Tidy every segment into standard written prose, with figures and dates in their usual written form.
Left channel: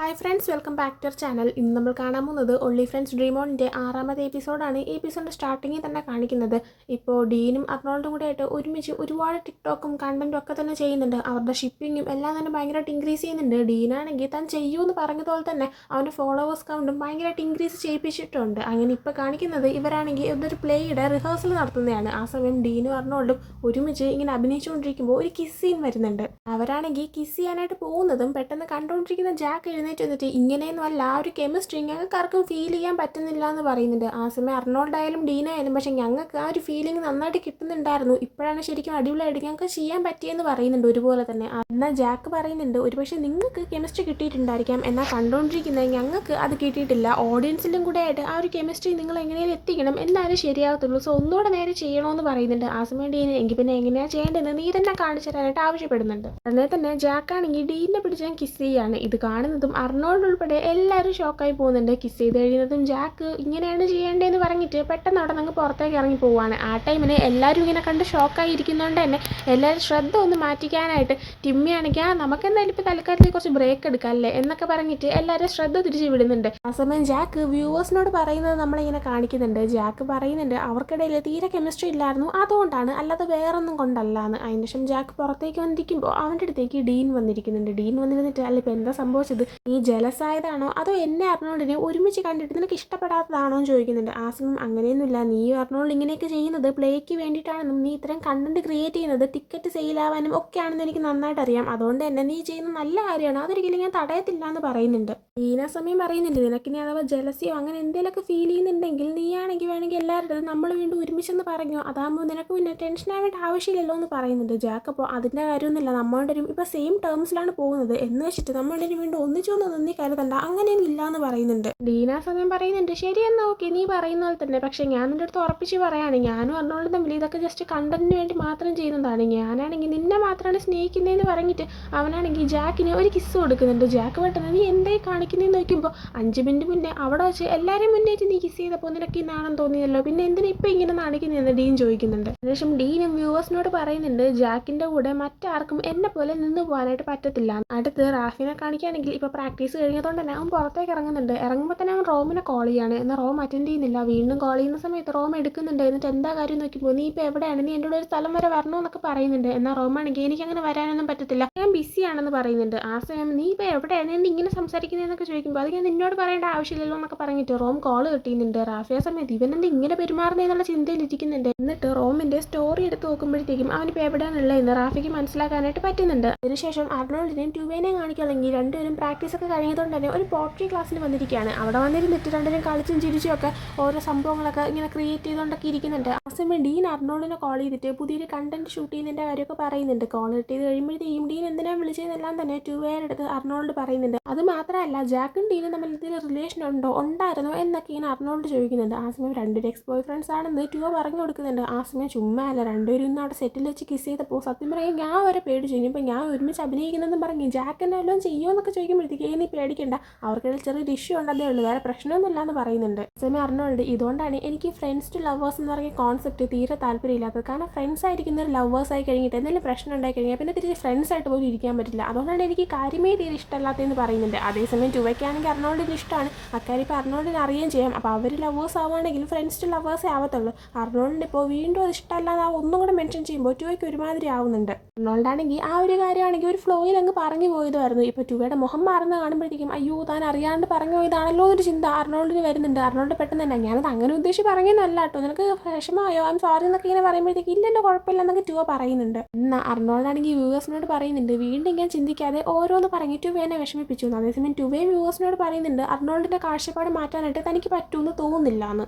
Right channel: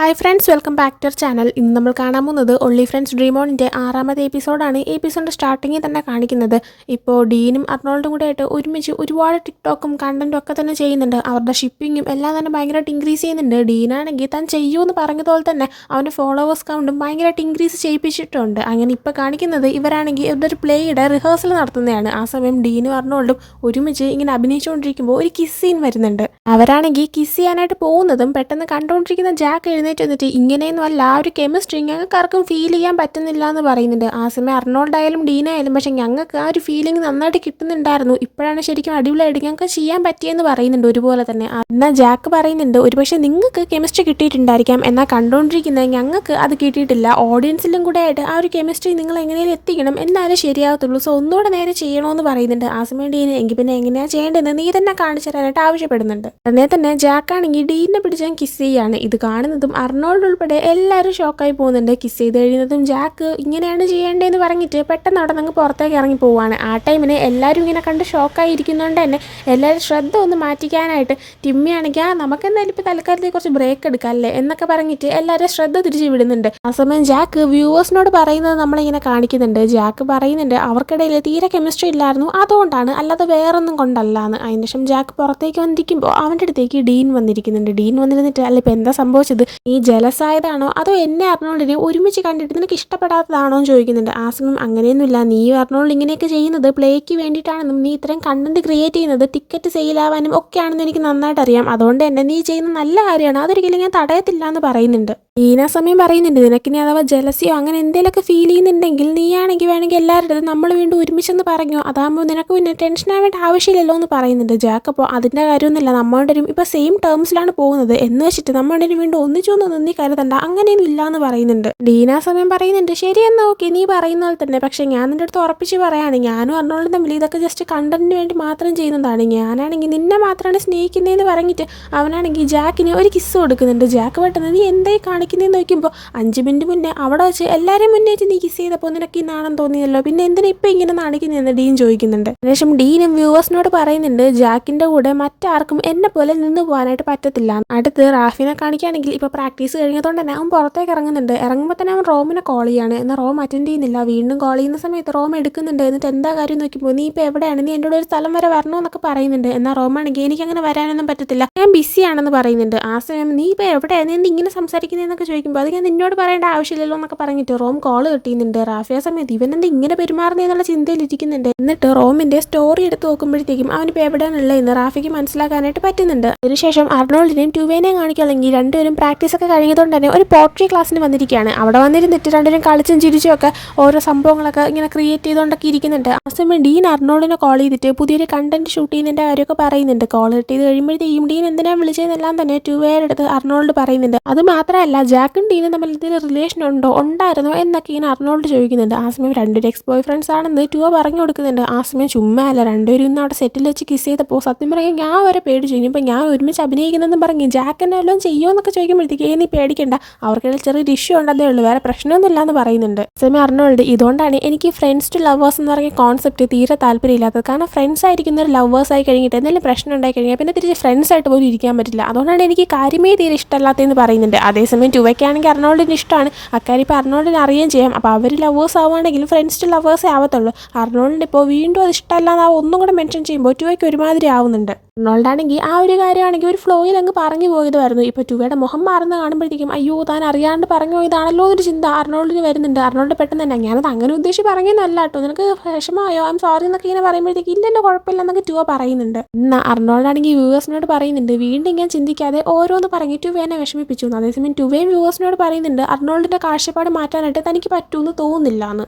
Hi friends, welcome back to our channel. ഇന്ന് നമ്മൾ കാണാൻ പോകുന്നത് ഒൺലി ഫ്രണ്ട്സ് ഡ്രീം ഓണിൻ്റെ 6ാമത്തെ എപ്പിസോഡാണ്. ഈ എപ്പിസോഡിൻ്റെ സ്റ്റാർട്ടിങ്ങിൽ തന്നെ കാണിക്കുന്നത് ഇപ്പോൾ ഡീനും അർണോൾഡും കൂടെ ആയിട്ട് ഒരുമിച്ച് ഒരുപാട് ടിക്ടോക്കും കണ്ടൻറ്റും ഒക്കെ തന്നെ ചെയ്യുന്നുണ്ട്. അവരുടെ ഷിപ്പിങ്ങും എല്ലാം തന്നെ ഭയങ്കരമായിട്ട് ഇൻക്രീസ് ചെയ്യുന്നുണ്ട്. ഡീനാണെങ്കിൽ താൻ ചെയ്യുമെന്ന് പറഞ്ഞതുപോലെ തന്നെ അവൻ്റെ ഫോളോവേഴ്സ് കൗണ്ടും ഭയങ്കരമായിട്ട് ഇൻക്രീസ് ചെയ്യിപ്പിച്ചിട്ടുണ്ട്. അങ്ങനെ ഇപ്പോൾ കാണിക്കുന്നത് ഇവരാണെങ്കിൽ ഇവരുടെ ഒരു പ്ലേയുടെ റിഹേഴ്സൽ നടത്തുന്നതാണ്. ആ സമയം ഡീനും അർണോൾഡും ഒരുമിച്ച് ഇങ്ങനെ അഭിനയിച്ചുകൊണ്ടിരിക്കുമ്പോൾ ഒരു കിസ് സീൻ വരുന്നുണ്ട്. അവരാണെങ്കിൽ കിസ് ചെയ്യാനായിട്ട് പോകുന്നതും പെട്ടെന്ന് കണ്ടുകൊണ്ടിരിക്കുന്ന ജാക്ക് എഴുന്നേറ്റ് വന്നിട്ട് ഇങ്ങനെയൊന്നും അല്ല, ആ ഒരു കെമിസ്ട്രി ഞങ്ങൾക്ക് ആർക്കും ഫീൽ ചെയ്യാൻ പറ്റുന്നില്ല എന്ന് പറയുന്നുണ്ട്. ആ സമയം അർണോൾഡ് ആയാലും ഡീന ആയാലും പക്ഷെ ഞങ്ങൾക്ക് ആ ഒരു ഫീലിംഗ് നന്നായിട്ട് കിട്ടുന്നുണ്ടായിരുന്നു, ഇപ്പോഴാണ് ശരിക്കും അടിപൊളിയായിട്ട് ഞങ്ങൾക്ക് ചെയ്യാൻ പറ്റിയെന്ന് പറയുന്നുണ്ട് ഒരുപോലെ തന്നെ. എന്നാൽ ജാക്ക് പറയുന്നുണ്ട് ഒരുപക്ഷെ നിങ്ങൾക്ക് കെമിസ്ട്രി കിട്ടിയിട്ടുണ്ടായിരിക്കാം, എന്നാൽ കണ്ടുകൊണ്ടിരിക്കുന്നത് ഞങ്ങൾക്ക് അത് കിട്ടിയിട്ടില്ല. ഓഡിയൻസിലും കൂടെ ആയിട്ട് ആ ഒരു കെമിസ്ട്രി നിങ്ങൾ എങ്ങനെയും എത്തിക്കണം, എന്നാലും ശരിയാകത്തുള്ളൂ. സോ ഒന്നുകൂടെ നേരെ ചെയ്യണമെന്ന് പറയുന്നുണ്ട്. ആ സമയം ഡീന എങ്കിൽ പിന്നെ എങ്ങനെയാണ് ചെയ്യേണ്ടതെന്ന് നീ തന്നെ കാണിച്ചു തരാനായിട്ട് ആവശ്യപ്പെടുന്നുണ്ട്. ഉടനെ തന്നെ ജാക്കാണെങ്കിൽ ഡീനെ പിടിച്ചാൽ കിസ് ചെയ്യാണ്. ഇത് കാണുന്നതും അർണോൾഡ് ഉൾപ്പെടെ എല്ലാവരും ഷോക്കായി പോകുന്നുണ്ട്. കിസ് ചെയ്ത് കഴിയുന്നതും ജാക്ക് ഇങ്ങനെയാണ് ചെയ്യേണ്ടതെന്ന് പറഞ്ഞിട്ട് പെട്ടെന്ന് അവിടെ നിന്ന് പുറത്തേക്ക് ഇറങ്ങി പോവാണ്. ആ ടൈമിന് എല്ലാവരും ഇങ്ങനെ കണ്ട് ഷോക്കായി ഇരിക്കുന്നതുകൊണ്ട് തന്നെ എല്ലാവരും ശ്രദ്ധ ഒന്ന് മാറ്റിക്കാനായിട്ട് ടിമ്മിയാണെങ്കിൽ നമുക്ക് എന്തായാലും ഇപ്പോൾ തൽക്കാലത്തേക്ക് കുറച്ച് ബ്രേക്ക് എടുക്കാം അല്ലേ എന്നൊക്കെ പറഞ്ഞിട്ട് എല്ലാവരും ശ്രദ്ധ തിരിച്ചു വിടുന്നുണ്ട്. ആ സമയം ജാക്ക് വ്യൂവേഴ്സിനോട് പറയുന്നത് നമ്മളിങ്ങനെ കാണിക്കുന്നുണ്ട്. ജാക്ക് പറയുന്നുണ്ട് അവർക്കിടയിൽ തീരെ കെമിസ്ട്രി ഇല്ലായിരുന്നു, അതുകൊണ്ടാണ്, അല്ലാതെ വേറൊന്നും കൊണ്ടല്ല എന്ന്. അതിന് ശേഷം ജാക്ക് പുറത്തേക്ക് വന്നിരിക്കുമ്പോൾ അവൻ്റെ അടുത്തേക്ക് ഡീൻ വന്നിരിക്കുന്നുണ്ട്. ഡീൻ വന്നിരുന്നിട്ട് അല്ല ഇപ്പോൾ എന്താ സംഭവിച്ചത്, നീ ജലസായതാണോ അതോ എന്നെ അർണോൾഡിനെ ഒരുമിച്ച് കണ്ടിട്ട് നിനക്ക് ഇഷ്ടപ്പെടാത്തതാണോ എന്ന് ചോദിക്കുന്നുണ്ട്. ആ സമയം അങ്ങനെയൊന്നുമില്ല, നീ അർണോൾഡ് ഇങ്ങനെയൊക്കെ ചെയ്യുന്നത് പ്ലേക്ക് വേണ്ടിയിട്ടാണെന്നും നീ ഇത്രയും കണ്ടന്റ് ക്രിയേറ്റ് ചെയ്യുന്നത് ടിക്കറ്റ് സെയിലാവാനും ഒക്കെയാണെന്ന് എനിക്ക് നന്നായിട്ട് അറിയാം, അതുകൊണ്ട് തന്നെ നീ ചെയ്യുന്ന നല്ല കാര്യമാണ്, അതൊരിക്കലും ഞാൻ തടയത്തില്ല എന്ന് പറയുന്നുണ്ട്. ഈന സമയം പറയുന്നുണ്ട് നിനക്കിനി അഥവാ ജലസിയോ അങ്ങനെ എന്തെങ്കിലുമൊക്കെ ഫീൽ ചെയ്യുന്നുണ്ടെങ്കിൽ നീയാണെങ്കിൽ വേണമെങ്കിൽ എല്ലാവരുടെ നമ്മൾ വീണ്ടും ഒരുമിച്ചെന്ന് പറഞ്ഞോ, അതാകുമ്പോൾ നിനക്ക് പിന്നെ ടെൻഷൻ ആവേണ്ട ആവശ്യമില്ലല്ലോ എന്ന് പറയുന്നുണ്ട്. ജാക്ക് അപ്പോൾ അതിൻ്റെ കാര്യമൊന്നുമില്ല, നമ്മളുടെ ഇപ്പോൾ സെയിം ടേംസിലാണ് പോകുന്നത് എന്ന് വെച്ചിട്ട് നമ്മളുടെ വീണ്ടും ഒന്നിച്ചൊന്നും നീ കരുതണ്ട, അങ്ങനെയൊന്നും ഇല്ല എന്ന് പറയുന്നുണ്ട്. ഡീന സമയം പറയുന്നുണ്ട് ശരിയെന്നാ ഓക്കെ നീ പറയുന്ന പോലെ തന്നെ, പക്ഷേ ഞാൻ നിൻ്റെ അടുത്ത് ഉറപ്പിച്ച് പറയാണ് ഞാനും അർണോൾഡും തമ്മിൽ ഇതൊക്കെ ജസ്റ്റ് കണ്ടന്റിന് വേണ്ടി മാത്രം ചെയ്യുന്നതാണ്, ഞാനാണെങ്കിൽ നിന്നെ മാത്രമാണ് സ്നേഹിക്കുന്നതെന്ന് പറഞ്ഞിട്ട് അവനാണെങ്കിൽ ജാക്കിന് ഒരു കിസ് കൊടുക്കുന്നുണ്ട്. ജാക്ക് പെട്ടെന്ന് നീ എന്തായി കാണിക്കുന്നതെന്ന് നോക്കുമ്പോൾ 5 മിനിറ്റ് മുന്നേ അവിടെ വെച്ച് എല്ലാവരും മുന്നേറ്റ് നീ കിസ് ചെയ്തപ്പോൾ നിനക്ക് ഈ നാണം തോന്നിയല്ലോ, പിന്നെ എന്തിനാ ഇപ്പം ഇങ്ങനെ നാണിക്കുന്നതെന്ന് ഡീൻ ചോദിക്കുന്നുണ്ട്. അതിനുശേഷം ഡീനും വ്യൂവേഴ്സിനോട് പറയുന്നുണ്ട് ജാക്കിൻ്റെ കൂടെ മറ്റാർക്കും എന്നെ പോലെ നിന്ന് പോകാനായിട്ട് പറ്റത്തില്ല. അടുത്ത് റാഫിനെ കാണിക്കുകയാണെങ്കിൽ ഇപ്പോൾ പ്രാക്ടീസ് കഴിഞ്ഞതുകൊണ്ട് തന്നെ അവൻ പുറത്തേക്ക് ഇറങ്ങുന്നുണ്ട്. ഇറങ്ങുമ്പോൾ തന്നെ അവൻ റോമിനെ കോൾ ചെയ്യാണ്, എന്നാൽ റോം അറ്റൻഡ് ചെയ്യുന്നില്ല. വീണ്ടും കോൾ ചെയ്യുന്ന സമയത്ത് റോം എടുക്കുന്നുണ്ട്. എന്നിട്ട് എന്താ കാര്യം നോക്കുമ്പോൾ നീ ഇപ്പോൾ എവിടെയാണ്, നീ എൻ്റെ കൂടെ ഒരു സ്ഥലം വരെ വരണമെന്നൊക്കെ പറയുന്നുണ്ട്. എന്നാൽ റോമാണെങ്കിൽ എനിക്കങ്ങനെ വരാനൊന്നും പറ്റത്തില്ല, ഞാൻ ബിസിയാണെന്ന് പറയുന്നുണ്ട്. ആ സമയം നീ ഇപ്പോൾ എവിടെയാണ്, നീ ഇങ്ങനെ സംസാരിക്കുന്നതെന്നൊക്കെ ചോദിക്കുമ്പോൾ അത് ഞാൻ നിന്നോട് പറയേണ്ട ആവശ്യമില്ലല്ലോ എന്നൊക്കെ പറഞ്ഞിട്ട് റോം കോൾ കിട്ടിയുന്നുണ്ട്. റാഫിയ സമയത്ത് ഇവനെന്ത് ഇങ്ങനെ പെരുമാറുന്നതെന്നുള്ള ചിന്തയിലിരിക്കുന്നുണ്ട്. എന്നിട്ട് റോമിൻ്റെ സ്റ്റോറി എടുത്ത് നോക്കുമ്പോഴത്തേക്കും അവനിപ്പോൾ എവിടെയാണുള്ളതെന്ന് റാഫിക്ക് മനസ്സിലാക്കാനായിട്ട് പറ്റുന്നുണ്ട്. അതിനുശേഷം അർണോൾഡിനെയും ടുവേനെയും കാണിക്കുകയാണെങ്കിൽ രണ്ടുപേരും പ്രാക്ടീസൊക്കെ കഴിഞ്ഞതുകൊണ്ട് തന്നെ ഒരു പോട്രി ക്ലാസ്സിന് വന്നിരിക്കുകയാണ്. അവിടെ വന്നിരുന്നിട്ട് രണ്ടുപേരും കളിച്ചും ചിരിച്ചും ഒക്കെ ഓരോ സംഭവങ്ങളൊക്കെ ഇങ്ങനെ ക്രിയേറ്റ് ചെയ്തുകൊണ്ടൊക്കെ ഇരിക്കുന്നുണ്ട്. ആ സമയം ഡീൻ അർണോൾഡിനെ കോൾ ചെയ്തിട്ട് പുതിയൊരു കണ്ടന്റ് ഷൂട്ട് ചെയ്യുന്നതിൻ്റെ കാര്യമൊക്കെ പറയുന്നുണ്ട്. കോൾ കിട്ടിയത് കഴിയുമ്പോഴത്തേക്കും ഡീൻ എന്തിനാണ് വിളിച്ചതെന്നെല്ലാം തന്നെ ടുവേയുടെ അടുത്ത് അർണോൾഡ് പറയുന്നുണ്ട്. അത് മാത്രമല്ല ജാക്കും ഡീനും തമ്മിൽ എന്തെങ്കിലും റിലേഷൻ ഉണ്ടായിരുന്നോ എന്നൊക്കെ ഇങ്ങനെ അർണോൾഡ് ചോദിക്കുന്നുണ്ട്. ആ സമയം രണ്ടുപേരും എക്സ് ബോയ് ഫ്രണ്ട്സ് ആണെന്ന് ടുവ പറഞ്ഞു കൊടുക്കുന്നുണ്ട്. ആ സമയം ചുമ്മാ അല്ല, രണ്ടുപേരും ഇന്ന് അവിടെ സെറ്റിൽ വെച്ച് കിസ് ചെയ്തപ്പോൾ സത്യം പറയാൻ ഞാൻ വരെ പേടിച്ചു. ഇനിയിപ്പോൾ ഞാൻ ഒരുമിച്ച് അഭിനയിക്കുന്നതെന്ന് പറഞ്ഞ് ജാക്കിനെ എല്ലാം ചെയ്യുമോ എന്നൊക്കെ ചോദിക്കുമ്പോഴത്തേക്ക് നീ പേടിക്കണ്ട, അവർക്കിടയിൽ ചെറിയൊരു ഇഷ്യൂ ഉണ്ടെന്നേ ഉള്ളൂ, വേറെ പ്രശ്നമൊന്നുമില്ല എന്ന് പറയുന്നുണ്ട്. സമയം അർണോൾഡ് ഇതുകൊണ്ടാണ് എനിക്ക് ഫ്രണ്ട്സ് ടു ലവേഴ്സ് എന്ന് പറഞ്ഞ കോൺസെപ്റ്റ് തീരെ താല്പര്യമില്ലാത്തത്. കാരണം ഫ്രണ്ട്സ് ആയിരിക്കുന്ന ഒരു ലവേഴ്സ് ആയി കഴിഞ്ഞിട്ട് എന്തെങ്കിലും പ്രശ്നം ഉണ്ടായി കഴിഞ്ഞാൽ പിന്നെ തിരിച്ച് ഫ്രണ്ട്സ് ആയിട്ട് പോലും ഇരിക്കാൻ പറ്റില്ല, അതുകൊണ്ടാണ് എനിക്ക് കാര്യമേ തീരെ ഇഷ്ടമല്ലാത്തതെന്ന് പറയുന്നുണ്ട്. അതേസമയം ടുവയ്ക്കാണെങ്കിൽ അർണോൾഡിന് ഇഷ്ടമാണ്, അക്കാര്യം ഇപ്പോൾ അർണോൾഡിന് അറിയുകയും ചെയ്യാം. അപ്പോൾ അവർ ലവേഴ്സ് ആവുകയാണെങ്കിലും ഫ്രണ്ട്സ് ടു ലവേഴ്സേ ആവത്തുള്ളൂ. അർണോൾഡിന് ഇപ്പോൾ വീണ്ടും അത് ഇഷ്ടമല്ല എന്ന് ഒന്നും കൂടെ മെൻഷൻ ചെയ്യുമ്പോൾ ടുവയ്ക്ക് ഒരുമാതിരി ആവുന്നുണ്ട്. അർണോൾഡാണെങ്കിൽ ആ ഒരു കാര്യമാണെങ്കിൽ ഒരു ഫ്ലോയിൽ അങ്ങ് പറഞ്ഞു പോയതായിരുന്നു. ഇപ്പോൾ ടുവയുടെ മുഖം മാറുന്ന കാണുമ്പോഴത്തേക്കും അയ്യോ താൻ അറിയാണ്ട് പറഞ്ഞു പോയതാണല്ലോ എന്നൊരു ചിന്ത അർണോൾഡിന് വരുന്നുണ്ട്. അർണോൾഡ് പെട്ടെന്ന് തന്നെ ഞാനത് അങ്ങനെ ഉദ്ദേശിച്ച് പറഞ്ഞതല്ല കേട്ടോ, നിനക്ക് വിഷമമായോ, ഐ എം സോറി എന്നൊക്കെ ഇങ്ങനെ പറയുമ്പോഴത്തേക്ക് ഇല്ലല്ലോ കുഴപ്പമില്ല എന്നൊക്കെ ടുവ പറയുന്നുണ്ട്. എന്നാൽ അർണോൾഡാണെങ്കിൽ വ്യൂവേഴ്സിനോട് പറയുന്നുണ്ട് വീണ്ടും ഇങ്ങനെ ചിന്തിക്കാതെ ഓരോന്ന് പറഞ്ഞ് ടുവേനെ വിഷമിപ്പിച്ചു. അതേസമയം ടുവേയും വ്യൂവേഴ്സിനോട് പറയുന്നുണ്ട് അർണോൾഡിൻ്റെ കാഴ്ചപ്പാട് മാറ്റാനായിട്ട് തനിക്ക് പറ്റുമെന്ന് തോന്നുന്നില്ല എന്ന്.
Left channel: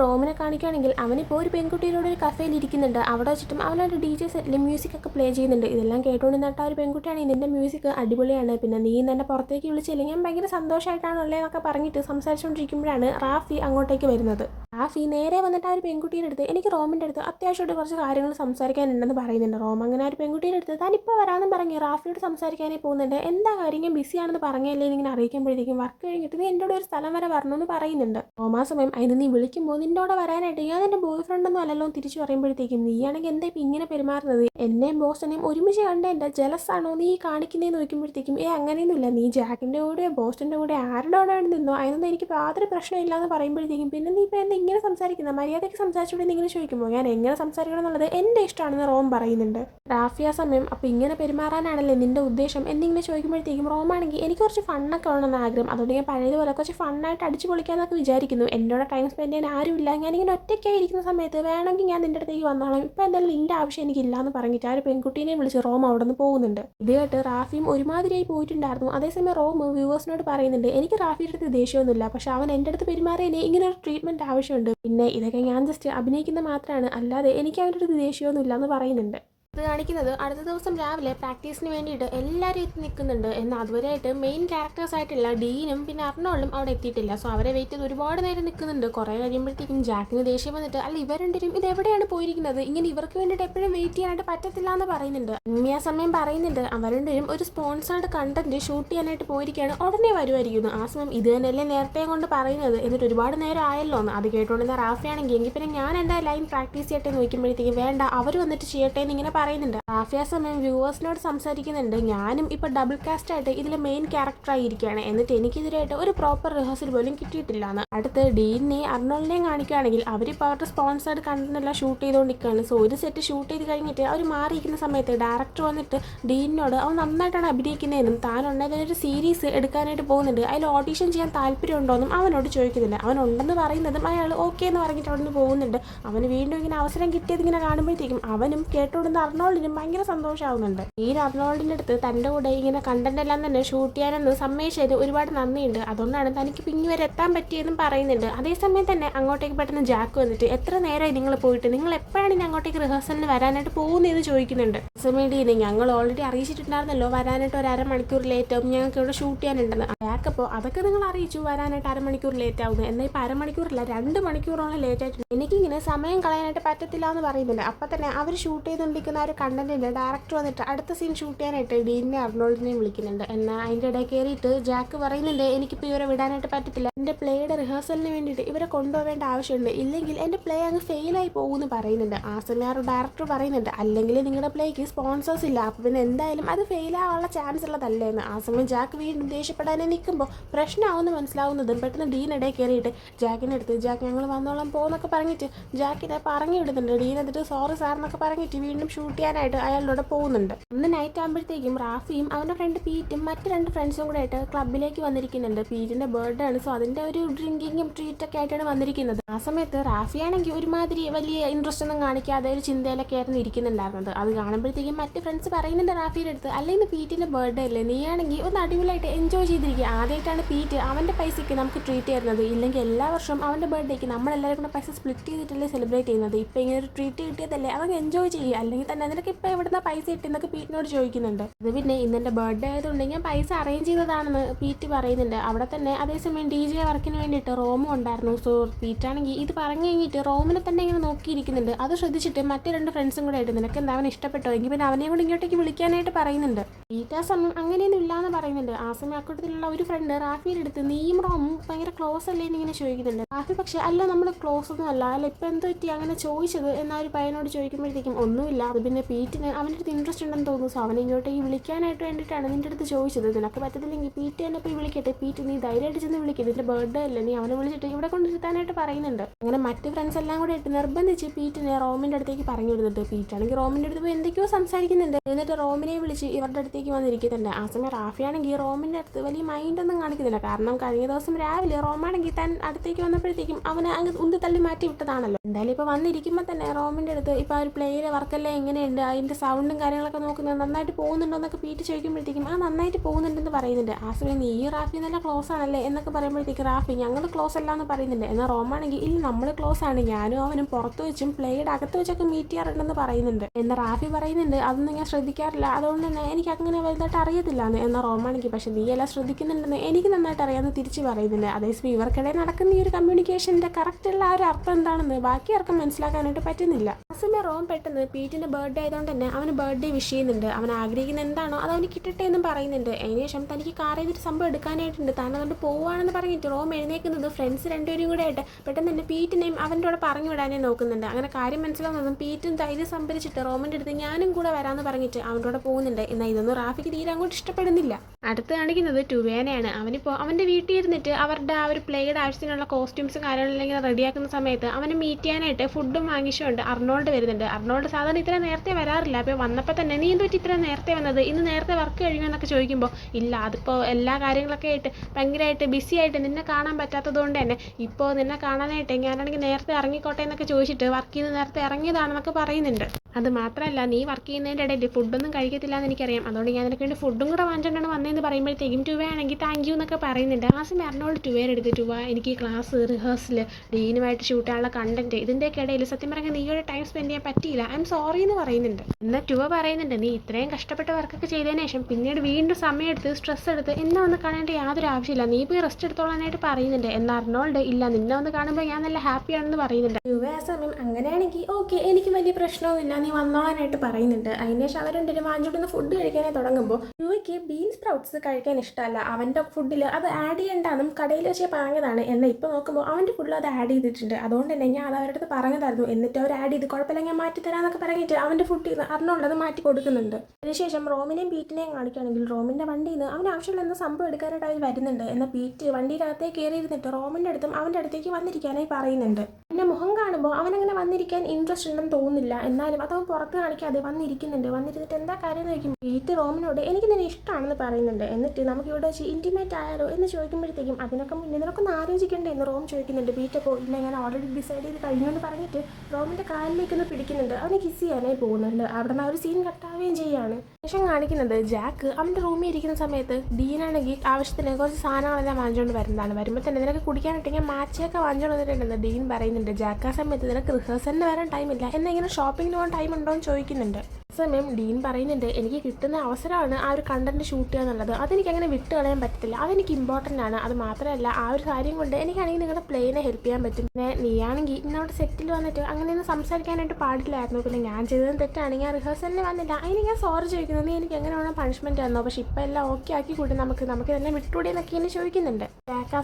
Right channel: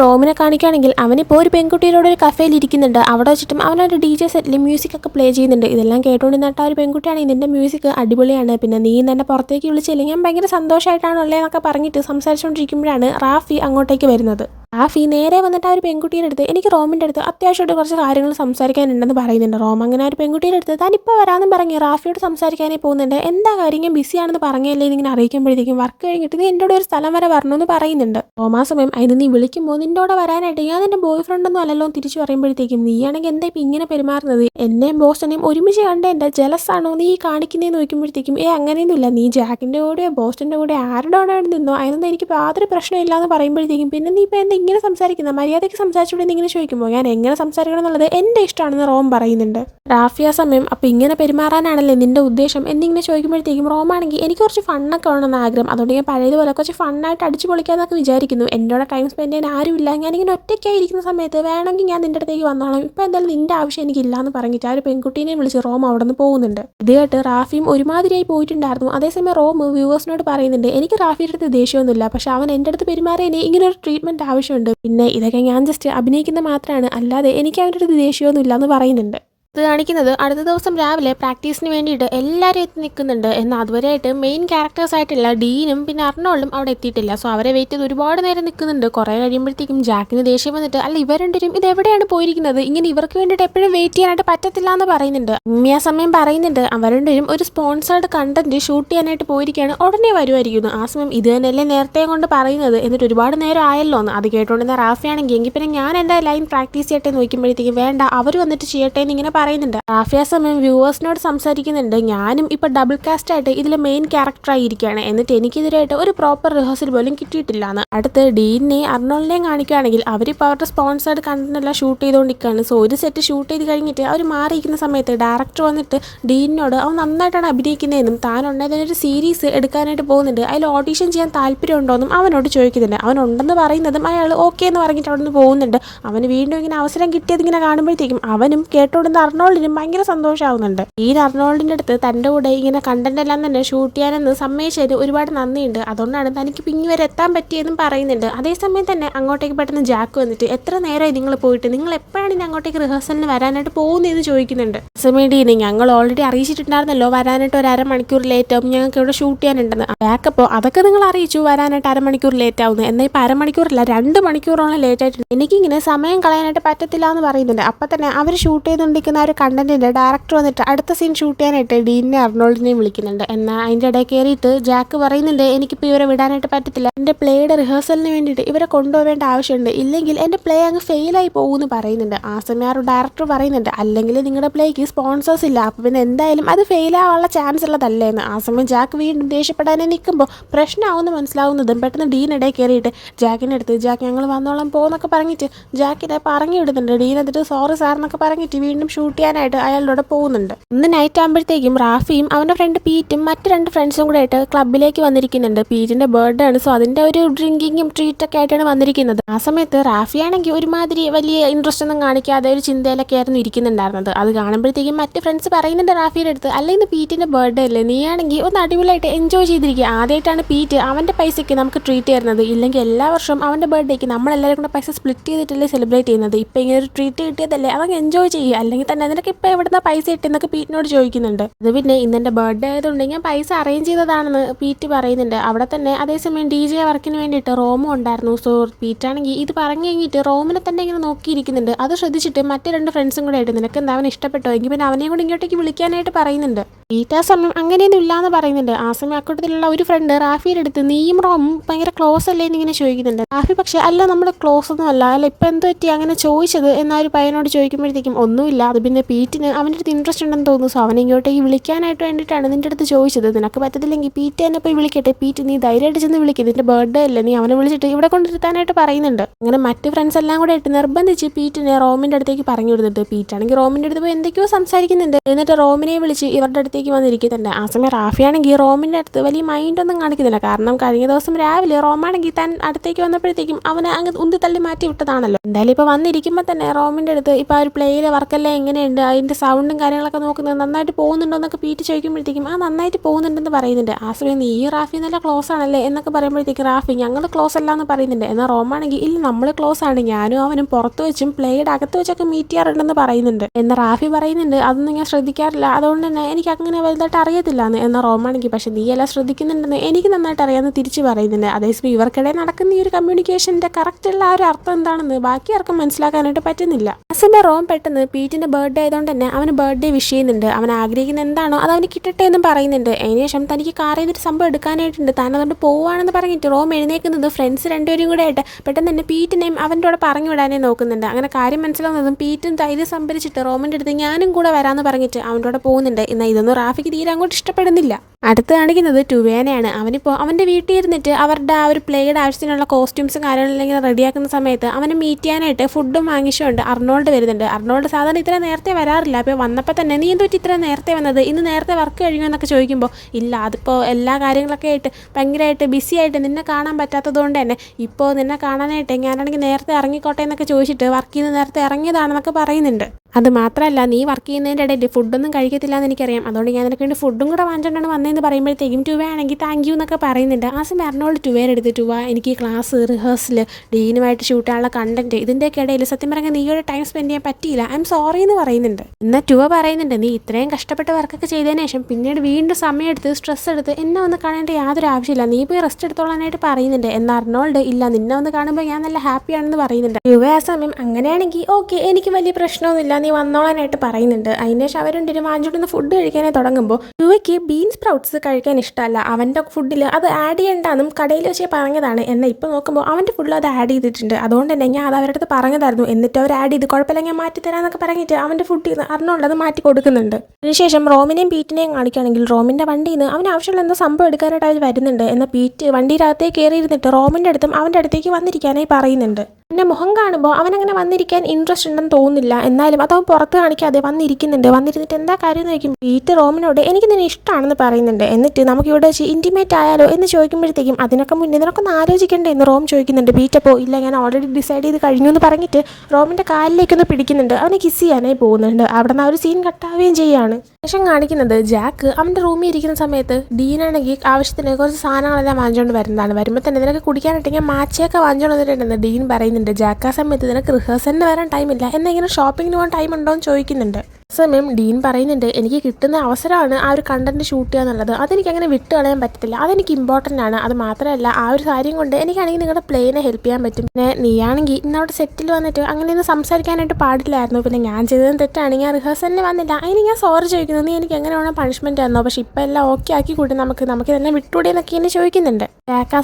റോമിനെ കാണിക്കുകയാണെങ്കിൽ അവനിപ്പോൾ ഒരു പെൺകുട്ടിയോട് ഒരു കഫേയിൽ ഇരിക്കുന്നുണ്ട്. അവിടെ വെച്ചിട്ടും അവനൊരു DJ സെറ്റിൽ മ്യൂസിക് ഒക്കെ പ്ലേ ചെയ്യുന്നുണ്ട്. ഇതെല്ലാം കേട്ടുകൊണ്ടിരുന്നിട്ട് ആ ഒരു പെൺകുട്ടിയാണെങ്കിൽ നിൻ്റെ മ്യൂസിക് അടിപൊളിയാണ്, പിന്നെ നീ തന്നെ പുറത്തേക്ക് വിളിച്ചില്ലെങ്കിൽ ഞാൻ ഭയങ്കര സന്തോഷമായിട്ടാണല്ലേ എന്നൊക്കെ പറഞ്ഞിട്ട് സംസാരിച്ചുകൊണ്ടിരിക്കുമ്പോഴാണ് റാഫി അങ്ങോട്ടേക്ക് വരുന്നത്. റാഫി നേരെ വന്നിട്ട് ആ ഒരു പെൺകുട്ടിയുടെ അടുത്ത് എനിക്ക് റോമിൻ്റെ അടുത്ത് അത്യാവശ്യമായിട്ട് കുറച്ച് കാര്യങ്ങൾ സംസാരിക്കാനുണ്ടെന്ന് പറയുന്നുണ്ട്. റോം അങ്ങനെ ആ ഒരു പെൺകുട്ടിയുടെ അടുത്ത് താനിപ്പോൾ വരാമെന്നും പറഞ്ഞ് റാഫിയോട് സംസാരിക്കാനേ പോകുന്നുണ്ട്. എന്താ കാര്യം, ഞാൻ ബിസിയാണെന്ന് പറഞ്ഞല്ലേ എന്നിങ്ങനെ അറിയിക്കുമ്പോഴത്തേക്കും വർക്ക് കഴിഞ്ഞിട്ട് നീ എൻ്റെ കൂടെ ഒരു സ്ഥലം വരെ വരണമെന്ന് പറയുന്നുണ്ട്. റോമാ സമയം അതിന് നീ വിളിക്കുമ്പോൾ ചോദിക്കുമ്പോൾ നിൻ്റെ കൂടെ വരാനായിട്ട് ഞാൻ നിൻ്റെ ബോയ് ഫ്രണ്ടൊന്നും അല്ലല്ലോ തിരിച്ചു പറയുമ്പോഴത്തേക്കും നീയാണെങ്കിൽ എന്താ ഇപ്പം ഇങ്ങനെ പെരുമാറുന്നത്, എന്നെയും ബോസ്റ്റനെയും ഒരുമിച്ച് കണ്ട എൻ്റെ ജലസാണോ നീ കാണിക്കുന്നതെന്ന് നോക്കുമ്പോഴത്തേക്കും അങ്ങനെയൊന്നുമില്ല, നീ ജാക്കിൻ്റെ കൂടെയോ ബോസ്റ്റൻ്റെ കൂടെ ആരുടെ കൂടെ നിന്നോ അതിനൊന്നും എനിക്ക് യാതൊരു പ്രശ്നമില്ല എന്ന് പറയുമ്പോഴത്തേക്കും പിന്നെ നീ ഇപ്പം എന്താ ഇങ്ങനെ സംസാരിക്കുന്നത്, മര്യാദയ്ക്ക് സംസാരിച്ചുകൂടെ ഇങ്ങനെ ചോദിക്കുമ്പോൾ ഞാൻ എങ്ങനെ സംസാരിക്കണം എന്നുള്ളത് എൻ്റെ ഇഷ്ടമാണെന്ന് റോം പറയുന്നുണ്ട്. റാഫി ആ സമയം അപ്പം ഇങ്ങനെ പെരുമാറാനാണല്ലേ നിൻ്റെ ഉദ്ദേശം എന്നിങ്ങനെ ചോദിക്കുമ്പോഴത്തേക്കും റോമാണെങ്കിൽ എനിക്ക് കുറച്ച് ഫണ്ണൊക്കെ വേണമെന്ന് ആഗ്രഹം, അതുകൊണ്ട് ഞാൻ പഴയതുപോലെ കുറച്ച് ഫണ്ണായിട്ട് അടിച്ചു പൊളിക്കാമെന്നൊക്കെ വിചാരിക്കുന്നു, എന്നോട് ടൈം സ്പെൻഡ് ചെയ്യാൻ ആരുമില്ല, ഞാനിങ്ങനെ ഒറ്റയ്ക്കായിരിക്കുന്ന സമയത്ത് വേണമെങ്കിൽ ഞാൻ നിൻ്റെ അടുത്തേക്ക് വന്നോളാം, ഇപ്പം എന്തായാലും നിൻ്റെ ആവശ്യം എനിക്കില്ല എന്ന് പറഞ്ഞിട്ട് ആ ഒരു പെൺകുട്ടീനെ വിളിച്ച് റോം അവിടെ നിന്ന് പോകുന്നുണ്ട്. ഇത് കേട്ട് റാഫിയും ഒരുമാതിരിയായി പോയിട്ടുണ്ടായിരുന്നു. അതേസമയം റോം വ്യൂവേഴ്സിനോട് പറയുന്നുണ്ട് എനിക്ക് റാഫിയുടെ അടുത്ത് ദേഷ്യമൊന്നുമില്ല, പക്ഷെ അവൻ എൻ്റെ അടുത്ത് പെരുമാറിയതിന് ഇങ്ങനെ ഒരു ട്രീറ്റ്മെൻറ്റ് ആവശ്യമുണ്ട്, പിന്നെ ഇതൊക്കെ ഞാൻ ജസ്റ്റ് അഭിനയിക്കുന്ന മാത്രമാണ്, അല്ലാതെ എനിക്ക് അവൻ്റെ അടുത്ത് ദേഷ്യമൊന്നുമില്ല എന്ന് പറയുന്നുണ്ട്. ഇത് കാണിക്കുന്നത് അടുത്ത ദിവസം രാവിലെ പ്രാക്ടീസിന് വേണ്ടിയിട്ട് എല്ലാവരും എത്തി നിൽക്കുന്നുണ്ട്. എന്നാൽ അതുവരെയായിട്ട് മെയിൻ ക്യാരക്ടേഴ്സ് ആയിട്ടുള്ള ഡീനും പിന്നെ അർണോൾഡും അവിടെ എത്തിയിട്ടില്ല. സോ അവരെ വെയിറ്റ് ചെയ്ത് ഒരുപാട് നേരം നിൽക്കുന്നുണ്ട്. കുറേ കഴിയുമ്പോഴത്തേക്കും ജാക്കിന് ദേഷ്യം വന്നിട്ട് അല്ല ഇവർ രണ്ടുപേരും ഇത് എവിടെയാണ് പോയിരിക്കുന്നത്, ഇങ്ങനെ ഇവർക്ക് വേണ്ടിയിട്ട് എപ്പോഴും വെയിറ്റ് ചെയ്യാനായിട്ട് പറ്റത്തില്ല എന്ന് പറയുന്നുണ്ട്. ആ സമയം പറയുന്നുണ്ട് അവർ രണ്ടുപേരും ഒരു സ്പോൺസേർഡ് കണ്ടന്റ് ഷൂട്ട് ചെയ്യാനായിട്ട് പോയിരിക്കുകയാണ്, ഉടനെ വരുമായിരിക്കുന്നു. ആ സമയം ഇത് തന്നെയല്ലേ നേരത്തെ കൊണ്ട് പറയുന്നത്, എന്നിട്ട് ഒരുപാട് നേരം ആയല്ലോ എന്ന്. അത് കേട്ടുകൊണ്ടിരുന്ന റാഫിയാണെങ്കിൽ എങ്കിൽ പിന്നെ ഞാൻ എൻ്റെ ലൈൻ പ്രാക്ടീസ് ചെയ്യട്ടെ നോക്കുമ്പോഴത്തേക്കും വേണ്ട അവർ വന്നിട്ട് ചെയ്യട്ടെ എന്ന് ഇങ്ങനെ പറയുന്നുണ്ട്. റാഫി ആ സമയം വ്യൂവേഴ്സിനോട് സംസാരിക്കുന്നുണ്ട്, ഞാനും ഇപ്പൊ ഡബിൾ കാസ്റ്റ് ആയിട്ട് ഇതിലെ മെയിൻ ക്യാരക്ടർ ആയിരിക്കുകയാണ്, എന്നിട്ട് എനിക്കെതിരായിട്ട് ഒരു പ്രോപ്പർ റിഹേഴ്സൽ പോലും കിട്ടിയിട്ടില്ല എന്ന്. അടുത്ത് ഡീനെയും അർണോളിനെയും കാണിക്കുകയാണെങ്കിൽ അവരിപ്പോൾ അവരുടെ സ്പോൺസേർഡ് കണ്ടന്റ് എല്ലാം ഷൂട്ട് ചെയ്തുകൊണ്ടിരിക്കുകയാണ്. സോ ഒരു സെറ്റ് ഷൂട്ട് ചെയ്ത് കഴിഞ്ഞിട്ട് അവർ മാറിയിരിക്കുന്ന സമയത്ത് ഡയറക്ടർ വന്നിട്ട് ഡീനിനോട് അവൻ നന്നായിട്ടാണ് അഭിനയിക്കുന്നതെന്നും താൻ ഉണ്ടായതിനൊരു സീരീസ് എടുക്കാനായിട്ട് പോകുന്നുണ്ട്, അതിൽ ഓഡീഷൻ ചെയ്യാൻ താല്പര്യമുണ്ടോയെന്നും അവനോട് ചോദിക്കുന്നുണ്ട്. അവനുണ്ടെന്ന് പറയുന്നതും അയാൾ ഓക്കെ എന്ന് പറഞ്ഞിട്ട് അവിടെ നിന്ന് പോകുന്നുണ്ട്. അവന് വീണ്ടും ഇങ്ങനെ അവസരം കിട്ടിയത് ഇങ്ങനെ കാണുമ്പോഴത്തേക്കും അവനും കേട്ടോടുന്ന അർണോൾഡിനും ഭയങ്കര സന്തോഷമാവുന്നുണ്ട്. ഈ അർണോൾഡിൻ്റെ അടുത്ത് തൻ്റെ കൂടെ ഇങ്ങനെ കണ്ടന്റ് എല്ലാം തന്നെ ഷൂട്ട് ചെയ്യാനെന്ന് സമ്മതിച്ചതിന് ഒരുപാട് നന്ദിയുണ്ട്, അതുകൊണ്ടാണ് തനിക്ക് പിങ്ങി വരെ എത്താൻ പറ്റിയെന്നും പറയുന്നുണ്ട്. അതേസമയം തന്നെ അങ്ങോട്ടേക്ക് പെട്ടെന്ന് ജാക്ക് വന്നിട്ട് എത്ര നേരമായി നിങ്ങൾ പോയിട്ട്, നിങ്ങൾ എപ്പോഴാണ് ഇനി അങ്ങോട്ടേക്ക് റിഹേഴ്സലിന് വരാനായിട്ട് പോകുന്നതെന്ന് ചോദിക്കുന്നുണ്ട്. സമയം ഞങ്ങൾ ഓൾറെഡി അറിയിച്ചിട്ടുണ്ടായിരുന്നല്ലോ വരാനായിട്ട് ഒരു അരമണിക്കൂർ ലേറ്റ് ആവും, ഞങ്ങൾക്ക് ഇവിടെ ഷൂട്ട് ചെയ്യാനുണ്ടെന്ന്. ബാക്കപ്പോൾ അതൊക്കെ നിങ്ങൾ അറിയിച്ചു വരാനായിട്ട് അരമണിക്കൂർ ലേറ്റ് ആവുന്നത്, എന്നാൽ ഇപ്പോൾ അരമണിക്കൂറല്ല 2 മണിക്കൂറോളം ലേറ്റ് ആയിട്ടുണ്ട്, എനിക്കിങ്ങനെ സമയം കളയാനായിട്ട് പറ്റത്തില്ല എന്ന് പറയുന്നുണ്ട്. അപ്പം തന്നെ അവർ ഷൂട്ട് ചെയ്തുകൊണ്ടിരിക്കുന്ന ഒരു കണ്ടന്റിന്റെ ഡയറക്ടർ വന്നിട്ട് അടുത്ത സീൻ ഷൂട്ട് ചെയ്യാനായിട്ട് ഡീനെ അർണോൾഡിനെയും വിളിക്കുന്നുണ്ട്. എന്നാൽ അതിൻ്റെ ഇടയിൽ കയറിയിട്ട് ജാക്ക് പറയുന്നുണ്ട് എനിക്കിപ്പോൾ ഇവരെ വിടാനായിട്ട് പറ്റത്തില്ല, എൻ്റെ പ്ലേയുടെ റിഹേഴ്സലിന് വേണ്ടിയിട്ട് ഇവരെ കൊണ്ടുപോകേണ്ട ആവശ്യമുണ്ട്, ഇല്ലെങ്കിൽ എൻ്റെ പ്ലേ അങ്ങ് ഫെയിലായി പോകുമെന്ന് പറയുന്നുണ്ട്. ആ സമയം ആ ഡയറക്ടർ പറയുന്നുണ്ട് അല്ലെങ്കിൽ നിങ്ങളുടെ പ്ലേക്ക് സ്പോൺസേഴ്സ് ഇല്ല, അപ്പോൾ പിന്നെ എന്തായാലും അത് ഫെയിലാവാനുള്ള ചാൻസ് ഉള്ളതല്ലേ എന്ന്. ആ സമയം ജാക്ക് വീണ്ടും ദേഷ്യപ്പെടാനെ നിൽക്കുമ്പോൾ പ്രശ്നമാവുമെന്ന് മനസ്സിലാവുന്നതും പെട്ടെന്ന് ഡീനിടയിൽ കയറിയിട്ട് ജാക്കിൻ്റെ അടുത്ത് ജാക്ക് ഞങ്ങൾ വന്നോളാം പോകുന്നൊക്കെ പറഞ്ഞിട്ട് ജാക്കിനെ പറഞ്ഞു വിടുന്നുണ്ട്. ഡീൻ എന്നിട്ട് സോറി സാർ എന്നൊക്കെ പറഞ്ഞിട്ട് വീണ്ടും ഷൂട്ട് ചെയ്യാനായിട്ട് അയാളുടെ പോകുന്നുണ്ട്. ഇന്ന് നൈറ്റ് ആകുമ്പോഴത്തേക്കും റാഫിയും അവൻ്റെ ഫ്രണ്ട് പീറ്റും മറ്റ് 2 ഫ്രണ്ട്സും കൂടെ ആയിട്ട് ക്ലബിലേക്ക് വന്നിരിക്കുന്നുണ്ട്. പീറ്റിൻ്റെ ബർത്ത്ഡേ ആണ്, സോ അതിൻ്റെ ഒരു ഡ്രിങ്കിങ്ങും ട്രീറ്റൊക്കെ ആയിട്ടാണ് വന്നിരിക്കുന്നത്. ആ സമയത്ത് റാഫിയാണെങ്കിൽ ഒരുമാതിരി വലിയ ഇൻട്രസ്റ്റ് ഒന്നും കാണിക്കാതെ ഒരു ചിന്തയിലൊക്കെ ആയിരുന്നു ഇരിക്കുന്നുണ്ടായിരുന്നത്. അത് കാണുമ്പോഴത്തേക്കും മറ്റ് ഫ്രണ്ട്സ് പറയുന്നുണ്ട് റാഫിയുടെ അടുത്ത് അല്ല ഇന്ന് പീറ്റിൻ്റെ ബർത്ത്ഡേ അല്ലേ, നീയാണെങ്കിൽ ഒന്ന് അടിപൊളിയായിട്ട് എൻജോയ് ചെയ്തിരിക്കുക, ആദ്യമായിട്ടാണ് പീറ്റ് അവൻ്റെ പൈസയ്ക്ക് നമുക്ക് ട്രീറ്റ് തരുന്നത്, ഇല്ലെങ്കിൽ എല്ലാ വർഷവും അവൻ്റെ ബർത്ത്ഡേക്ക് നമ്മളെല്ലാവരും കൂടെ പൈസ സ്പ്ലിറ്റ് ചെയ്തിട്ടല്ലേ സെലിബ്രേറ്റ് ചെയ്യുന്നത്, ഇപ്പം ഇങ്ങനെ ഒരു ട്രീറ്റ് കിട്ടിയതല്ലേ അതൊക്കെ എൻജോയ് ചെയ്യുക, അല്ലെങ്കിൽ തന്നെ അതിനൊക്കെ ഇപ്പം എവിടുന്ന പൈസ കിട്ടിയെന്നൊക്കെ പീറ്റിനോട് ചോദിക്കുന്നുണ്ട്. അത് പിന്നെ ഇന്നെൻ്റെ ബർത്ത്ഡേ ആയതുകൊണ്ട് ഞാൻ പൈസ അറേഞ്ച് ചെയ്തതാണെന്ന് പീറ്റ് പറയുന്നുണ്ട്. അവിടെ തന്നെ അതേസമയം DJ വർക്കിന് വേണ്ടിയിട്ട് റോമും ഉണ്ടായിരുന്നു. സോ പീറ്റാണെങ്കിൽ ഇത് പറഞ്ഞു കഴിഞ്ഞിട്ട് റോമിനെ തന്നെ ഇങ്ങനെ നോക്കിയിരിക്കുന്നുണ്ട്. അത് ശ്രദ്ധിച്ചിട്ട് മറ്റു 2 ഫ്രണ്ട്സും കൂടെ ആയിട്ട് നിനക്ക് എന്താ അവൻ ഇഷ്ടപ്പെട്ടോ എങ്കിൽ പിന്നെ അവനെയും കൂടി ഇങ്ങോട്ടേക്ക് വിളിക്കാനായിട്ട് പറയുന്നുണ്ട്. പീറ്റ് ആ സമയം അങ്ങനെയൊന്നും ഇല്ലാന്ന് പറയുന്നുണ്ട്. ആ സമയം അക്കൂട്ടത്തിലുള്ള ഒരു ഫ്രണ്ട് റാഫിയുടെ അടുത്ത് നീയും റോമും ഭയങ്കര ക്ലോസ് അല്ലേ എന്നിങ്ങനെ ചോദിക്കുന്നുണ്ട്. റാഫി പക്ഷേ അല്ല നമ്മൾ ക്ലോസ് ഒന്നും അല്ല, അല്ല ഇപ്പം എന്തോ പറ്റി അങ്ങനെ ചോദിച്ചത് എന്നൊരു പയ്യനോട് ചോദിക്കുമ്പോഴത്തേക്കും ഒന്നുമില്ല, അത് പിന്നെ പീറ്റിന് അവൻ്റെ അടുത്ത് ഇൻട്രസ്റ്റ് ഉണ്ടെന്ന് തോന്നുന്നു, സോ അവനെ ഇങ്ങോട്ടേക്ക് വിളിക്കാനായിട്ട് വേണ്ടിയിട്ടാണ് നിൻ്റെ അടുത്ത് ചോദിച്ചത്, നിനക്ക് പറ്റത്തില്ലെങ്കിൽ പീറ്റ് തന്നെ പോയി വിളിക്കട്ടെ, പീറ്റ് നീ ധൈര്യമായിട്ട് ചെന്ന് വിളിക്കും, നിൻ്റെ ബർത്ത്ഡേ അല്ലേ, നീ അവനെ വിളിച്ചിട്ട് ഇവിടെ കൊണ്ടിരുത്താനായിട്ട് പറയുന്നുണ്ട്. അങ്ങനെ മറ്റ് ഫ്രണ്ട്സ് എല്ലാം കൂടെ ആയിട്ട് നിർബന്ധിച്ച് പീറ്റിനെ റോമിൻ്റെ അടുത്തേക്ക് പറഞ്ഞു കൊടുത്തിട്ട് പീറ്റാണെങ്കിൽ റോമിൻ്റെ അടുത്ത് പോയി എന്തൊക്കെയോ സംസാരിക്കുന്നുണ്ട്. എന്നിട്ട് റോമിനെ വിളിച്ച് ഇവരുടെ അടുത്തേക്ക് വന്നിരിക്കുന്നുണ്ട്. ആ സമയം റാഫിയാണെങ്കിൽ റോമിൻ്റെ അടുത്ത് വലിയ മൈൻഡൊന്നും കാണിക്കുന്നില്ല, കാരണം കഴിഞ്ഞ ദിവസം രാവിലെ റോമാണെങ്കിൽ താൻ അടുത്തേക്ക് വന്നപ്പോഴത്തേക്കും അവനെ അങ്ങ് ഉന്തി തള്ളി മാറ്റി വിട്ടതാണല്ലോ. എന്തായാലും ഇപ്പോൾ വന്നിരിക്കുമ്പോൾ തന്നെ റോമിൻ്റെ അടുത്ത് ഇപ്പോൾ ആ ഒരു പ്ലേയിലെ വർക്കെല്ലാം എങ്ങനെയുണ്ട്, അതിൻ്റെ സൗണ്ടും കാര്യങ്ങളൊക്കെ നോക്കുന്നത് നന്നായിട്ട് പോകുന്നുണ്ടോ എന്നൊക്കെ പീറ്റ് ചോദിക്കുമ്പോഴത്തേക്കും ആ നന്നായിട്ട് പോകുന്നുണ്ടെന്ന് പറയുന്നുണ്ട്. ആ സമയം നീ റാഫി നല്ല ക്ലോസ് ആണല്ലേ എന്നൊക്കെ പറയുമ്പോഴത്തേക്കും റാഫി ഞങ്ങൾ ക്ലോസ് അല്ല എന്ന് പറയുന്നുണ്ട്. എന്നാൽ റോമാണെങ്കിൽ ഇല്ല നമ്മൾ ക്ലോസ് ആണ്, ഞാനും അവനും പുറത്ത് വെച്ചും പ്ലേയുടെ അകത്ത് വെച്ചൊക്കെ മീറ്റ് ചെയ്യാറുണ്ടെന്ന് പറയുന്നുണ്ട്. എന്നാൽ റാഫി പറയുന്നുണ്ട് അതൊന്നും ഞാൻ ശ്രദ്ധിക്കാറില്ല, അതുകൊണ്ട് തന്നെ എനിക്ക് അങ്ങനെ വലുതായിട്ട് അറിയത്തില്ല എന്ന്. എന്നാൽ റോമാണെങ്കിൽ പക്ഷേ നീ എല്ലാം ശ്രദ്ധിക്കുന്നുണ്ടെന്ന് എനിക്ക് നന്നായിട്ട് അറിയാമെന്ന് തിരിച്ച് പറയുന്നുണ്ട്. അതേസമയം ഇവർക്കിടയിൽ നടക്കുന്ന ഈ ഒരു കമ്മ്യൂണിക്കേഷൻ്റെ കറക്റ്റുള്ള ആ ഒരു അർത്ഥം എന്താണെന്ന് ബാക്കി ആർക്കും മനസ്സിലാക്കാനായിട്ട് പറ്റുന്നില്ല. ആ സമയം റോം പെട്ടെന്ന് പീറ്റിൻ്റെ ബർത്ത്ഡേ ആയതുകൊണ്ട് തന്നെ അവന് ബർത്ത്ഡേ വിഷ് ചെയ്യുന്നുണ്ട്. അവൻ ആഗ്രഹിക്കുന്ന എന്താണോ അത് അവന് കിട്ടട്ടെ എന്നും പറയുന്നുണ്ട്. അതിനുശേഷം തനിക്ക് കാറിൽ നിന്നൊരു സംഭവം എടുക്കാനായിട്ടുണ്ട്, താൻ അതുകൊണ്ട് പോവുകയാണെന്ന് പറഞ്ഞിട്ട് റോം എഴുന്നേക്കുന്നത് ഫ്രണ്ട്സ് രണ്ടുപേരും കൂടെ ആയിട്ട് പെട്ടെന്ന് തന്നെ പീറ്റിനെയും അവൻ്റെ കൂടെ പറഞ്ഞു വിടാനേ നോക്കുന്നുണ്ട്. അങ്ങനെ കാര്യം മനസ്സിലാവുന്നതും പീറ്റും ധൈര്യം സംഭരിച്ചിട്ട് റോമിൻ്റെ അടുത്ത് ഞാനും കൂടെ വരാമെന്ന് പറഞ്ഞിട്ട് അവൻ്റെ കൂടെ പോകുന്നുണ്ട്. എന്നാൽ ഇതൊന്നും റാഫിക്ക് തീരെ അങ്ങോട്ട് ഇഷ്ടപ്പെടുന്നില്ല. അടുത്ത് കാണിക്കുന്നത് ടുവേനയാണ്. അവനിപ്പോൾ അവൻ്റെ വീട്ടിൽ ഇരുന്നിട്ട് അവരുടെ ആ ഒരു പ്ലേയുടെ ആവശ്യത്തിനുള്ള കോസ്റ്റ്യൂംസും കാര്യങ്ങളെല്ലാം ഇങ്ങനെ റെഡിയാക്കുന്ന സമയത്ത് അവനെ മീറ്റ് ചെയ്യാനായിട്ട് ഫുഡും വാങ്ങിച്ചുകൊണ്ട് അർണോൾഡ് വരുന്നുണ്ട്. അർണോൾഡ് സാധാരണ ഇത്ര നേരത്തെ വരാറില്ല. അപ്പോൾ വന്നപ്പോൾ തന്നെ നീ എന്തൊരു ഇത്ര നേരത്തെ വന്നത്, ഇന്ന് നേരത്തെ വർക്ക് കഴിയുമോ എന്നൊക്കെ ചോദിക്കുമ്പോൾ ഇല്ല, അതിപ്പോൾ എല്ലാ കാര്യങ്ങളൊക്കെ ആയിട്ട് ഭയങ്കരമായിട്ട് ബിസി ആയിട്ട് നിന്നെ കാണാൻ പറ്റാത്തത് കൊണ്ട് തന്നെ ഇപ്പോൾ നിന്നെ കാണാനായിട്ട് ഞാനാണെങ്കിൽ നേരത്തെ ഇറങ്ങിക്കോട്ടെ എന്നൊക്കെ ചോദിച്ചിട്ട് വർക്ക് ചെയ്യുന്ന നേരത്തെ ഇറങ്ങിയതാണെന്നൊക്കെ പറയുന്നുണ്ട്. അത് മാത്രമല്ല നീ വർക്ക് ചെയ്യുന്നതിൻ്റെ ഇടയിൽ ഫുഡൊന്നും കഴിക്കത്തില്ല എന്ന് എനിക്കറിയാം, അതുകൊണ്ട് ഞാൻ നിനക്ക് വേണ്ടി ഫുഡും കൂടെ വാങ്ങിച്ചുകൊണ്ടാണ് വന്നതെന്ന് പറയുമ്പോഴത്തേക്കും ടുവ ആണെങ്കിൽ താങ്ക് യു എന്നൊക്കെ പറയുന്നുണ്ട്. ആ സമയം അർണോൾഡ് ടുവേരെ എടുത്ത് ടുവ എനിക്ക് ക്ലാസ് റിഹേഴ്സൽ ഡീനുമായിട്ട് ഷൂട്ട് ചെയ്യാനുള്ള കണ്ടന്റ് ഇതിൻ്റെയൊക്കെ ഇടയിൽ സത്യം പറഞ്ഞാൽ നീയോടെ ടൈം സ്പെൻഡ് ചെയ്യാൻ പറ്റിയില്ല, ഐ എം സോറി എന്ന് പറയുന്നുണ്ട്. എന്നാൽ ടുവ പറയുന്നുണ്ട് നീ ഇത്രയും കഷ്ടപ്പെട്ട് വർക്കൊക്കെ ചെയ്തതിന് ശേഷം പിന്നീട് വീണ്ടും സമയം എടുത്ത് സ്ട്രെസ് എടുത്ത് എന്നെ ഒന്ന് കാണേണ്ട യാതൊരു ആവശ്യമില്ല, നീ പോയി റെസ്റ്റ് എടുത്തോളാനായിട്ട് പറയുന്നുണ്ട്. എന്നാൽ അർണോൾഡ് ഇല്ല, നിന്നെ ഒന്ന് കാണുമ്പോൾ ഞാൻ നല്ല ഹാപ്പിയാണെന്ന് പറയുന്നുണ്ട്. ടുവ ആ സമയം അങ്ങനെയാണെങ്കിൽ ഓക്കെ എനിക്ക് വലിയ പ്രശ്നമൊന്നുമില്ല നീ വന്നോളാനായിട്ട് പറയുന്നുണ്ട്. അതിന് ശേഷം അവരുണ്ടൊരു വാങ്ങിച്ചുകൊണ്ടിരുന്ന് ഫുഡ് കഴിക്കാനായി തുടങ്ങുമ്പോൾ ടുവയ്ക്ക് ബീൻ സ്പ്രൗട്ട്സ് കഴിക്കാൻ ഇഷ്ടമല്ല, അവൻ്റെ ഫുഡിൽ അത് ആഡ് ചെയ്യേണ്ടെന്നും കടയിൽ വെച്ച് പറഞ്ഞതാണ്. എന്നാൽ ഇപ്പോൾ നോക്കുമ്പോൾ അവൻ്റെ ഫുഡിൽ അത് ആഡ് ചെയ്തിട്ടുണ്ട്, അതുകൊണ്ട് തന്നെ ഞാൻ അത് അവരുടെ അടുത്ത് പറഞ്ഞതായിരുന്നു. എന്നിട്ട് അവർ ആഡ് ചെയ്ത് കുഴപ്പമില്ല ഞാൻ മാറ്റി തരാമെന്നൊക്കെ പറഞ്ഞിട്ട് അവൻ്റെ ഫുഡിൽ നിന്ന് അർണോൾഡ് അത് മാറ്റി കൊടുക്കുന്നുണ്ട്. അതിനുശേഷം റോമിനെയും പീറ്റിനെയും കാണിക്കുകയാണെങ്കിൽ റോമിൻ്റെ വണ്ടിയിൽ നിന്ന് അവന് ആവശ്യമുള്ള എന്തോ സംഭവം എടുക്കാനായിട്ട് അവർ വരുന്നുണ്ട്. എന്നാൽ പീറ്റ് വണ്ടിയിലകത്തേക്ക് കയറിയിരുന്നിട്ട് റോമിൻ്റെ അടുത്തും അവൻ്റെ അടുത്തേക്ക് വന്നിരിക്കാനായി പറയുന്നുണ്ട്. പിന്നെ മുഖം കാണുമ്പോൾ അവനങ്ങനെ വന്നിരിക്കാൻ ഇൻട്രസ്റ്റ് ഉണ്ടെന്ന് തോന്നുന്നില്ല, എന്നാലും അതവൻ പുറത്ത് കാണിക്കാതെ വന്നിരിക്കുന്നുണ്ട്. വന്നിരുന്നിട്ട് എന്താ കാര്യം എന്ന് ചോദിക്കും. പീറ്റ് റോമിനോട് എനിക്ക് നിന്നെ ഇഷ്ടമാണെന്ന് പറയുന്നുണ്ട്. എന്നിട്ട് നമുക്ക് ഇവിടെ വെച്ച് ഇൻറ്റിമേറ്റ് ആയാലോ എന്ന് ചോദിക്കുമ്പോഴത്തേക്കും അതിനൊക്കെ മുന്നേ നിനക്കൊന്ന് ആലോചിക്കണ്ടേ എന്ന് റോം ചോദിക്കുന്നുണ്ട്. പീറ്റ് അപ്പോൾ ഇല്ല ഞാൻ ഓൾറെഡി ഡിസൈഡ് ചെയ്ത് കഴിഞ്ഞു എന്ന് പറഞ്ഞിട്ട് റോമിൻ്റെ കാലിലേക്കൊന്ന് പിടിക്കുന്നുണ്ട്. അവനെ കിസ് ചെയ്യാനായി പോകുന്നുണ്ട്. അവിടെ നിന്ന് ആ ഒരു സീൻ കട്ടാവുകയും ചെയ്യുകയാണ്. ശേഷം കാണിക്കുന്നത് ജാക്ക് അവൻ്റെ റൂമിൽ ഇരിക്കുന്ന സമയത്ത് ഡീനാണെങ്കിൽ ആവശ്യത്തിന് കുറച്ച് സാധനങ്ങളെല്ലാം വാങ്ങിച്ചുകൊണ്ട് വരുന്നതാണ്. വരുമ്പോൾ തന്നെ നിനക്ക് കുടിക്കാനായിട്ടെങ്കിൽ മാച്ചയൊക്കെ വാങ്ങിച്ചുകൊണ്ട് വന്നിട്ടുണ്ടെന്ന് ഡീൻ പറയുന്നുണ്ട്. ജാക്ക് ആ സമയത്ത് നിനക്ക് റിഹേഴ്സലിന് വരാൻ ടൈമില്ല, എന്തെങ്കിലും ഷോപ്പിങ്ങിന് പോകാൻ ടൈം ഉണ്ടോ എന്ന് ചോദിക്കുന്നുണ്ട്. സമയം ഡീൻ പറയുന്നുണ്ട് എനിക്ക് കിട്ടുന്ന അവസരമാണ് ആ ഒരു കണ്ടന്റ് ഷൂട്ട് ചെയ്യുക എന്നുള്ളത്, അതെനിക്ക് അങ്ങനെ വിട്ട് കളയാൻ പറ്റത്തില്ല, അതെനിക്ക് ഇമ്പോർട്ടൻ്റ് ആണ്. അത് മാത്രമല്ല ആ ഒരു കാര്യം കൊണ്ട് എനിക്കാണെങ്കിൽ നിങ്ങളുടെ പ്ലേനെ ഹെൽപ്പ് ചെയ്യാൻ പറ്റും. പിന്നെ നീയാണെങ്കിൽ ഇന്നവിടെ സെറ്റിൽ വന്നിട്ട് അങ്ങനെയൊന്നും സംസാരിക്കാനായിട്ട് പാടില്ലായിരുന്നു, പിന്നെ ഞാൻ ചെയ്തതും തെറ്റാണ്, ഞാൻ റിഹേഴ്സലിന് വന്നില്ല, അതിന് ഞാൻ സോറി ചോദിക്കുന്നു, നീ എനിക്ക് എങ്ങനെ വേണം പണിഷ്മെൻറ്റ് തന്നോ, പക്ഷെ ഇപ്പം എല്ലാം ഓക്കെ ആക്കി കൂട്ടി നമുക്ക് ഇതെല്ലാം വിട്ടുകൂടി എന്നൊക്കെ എന്നെ ചോദിക്കുന്നുണ്ട്.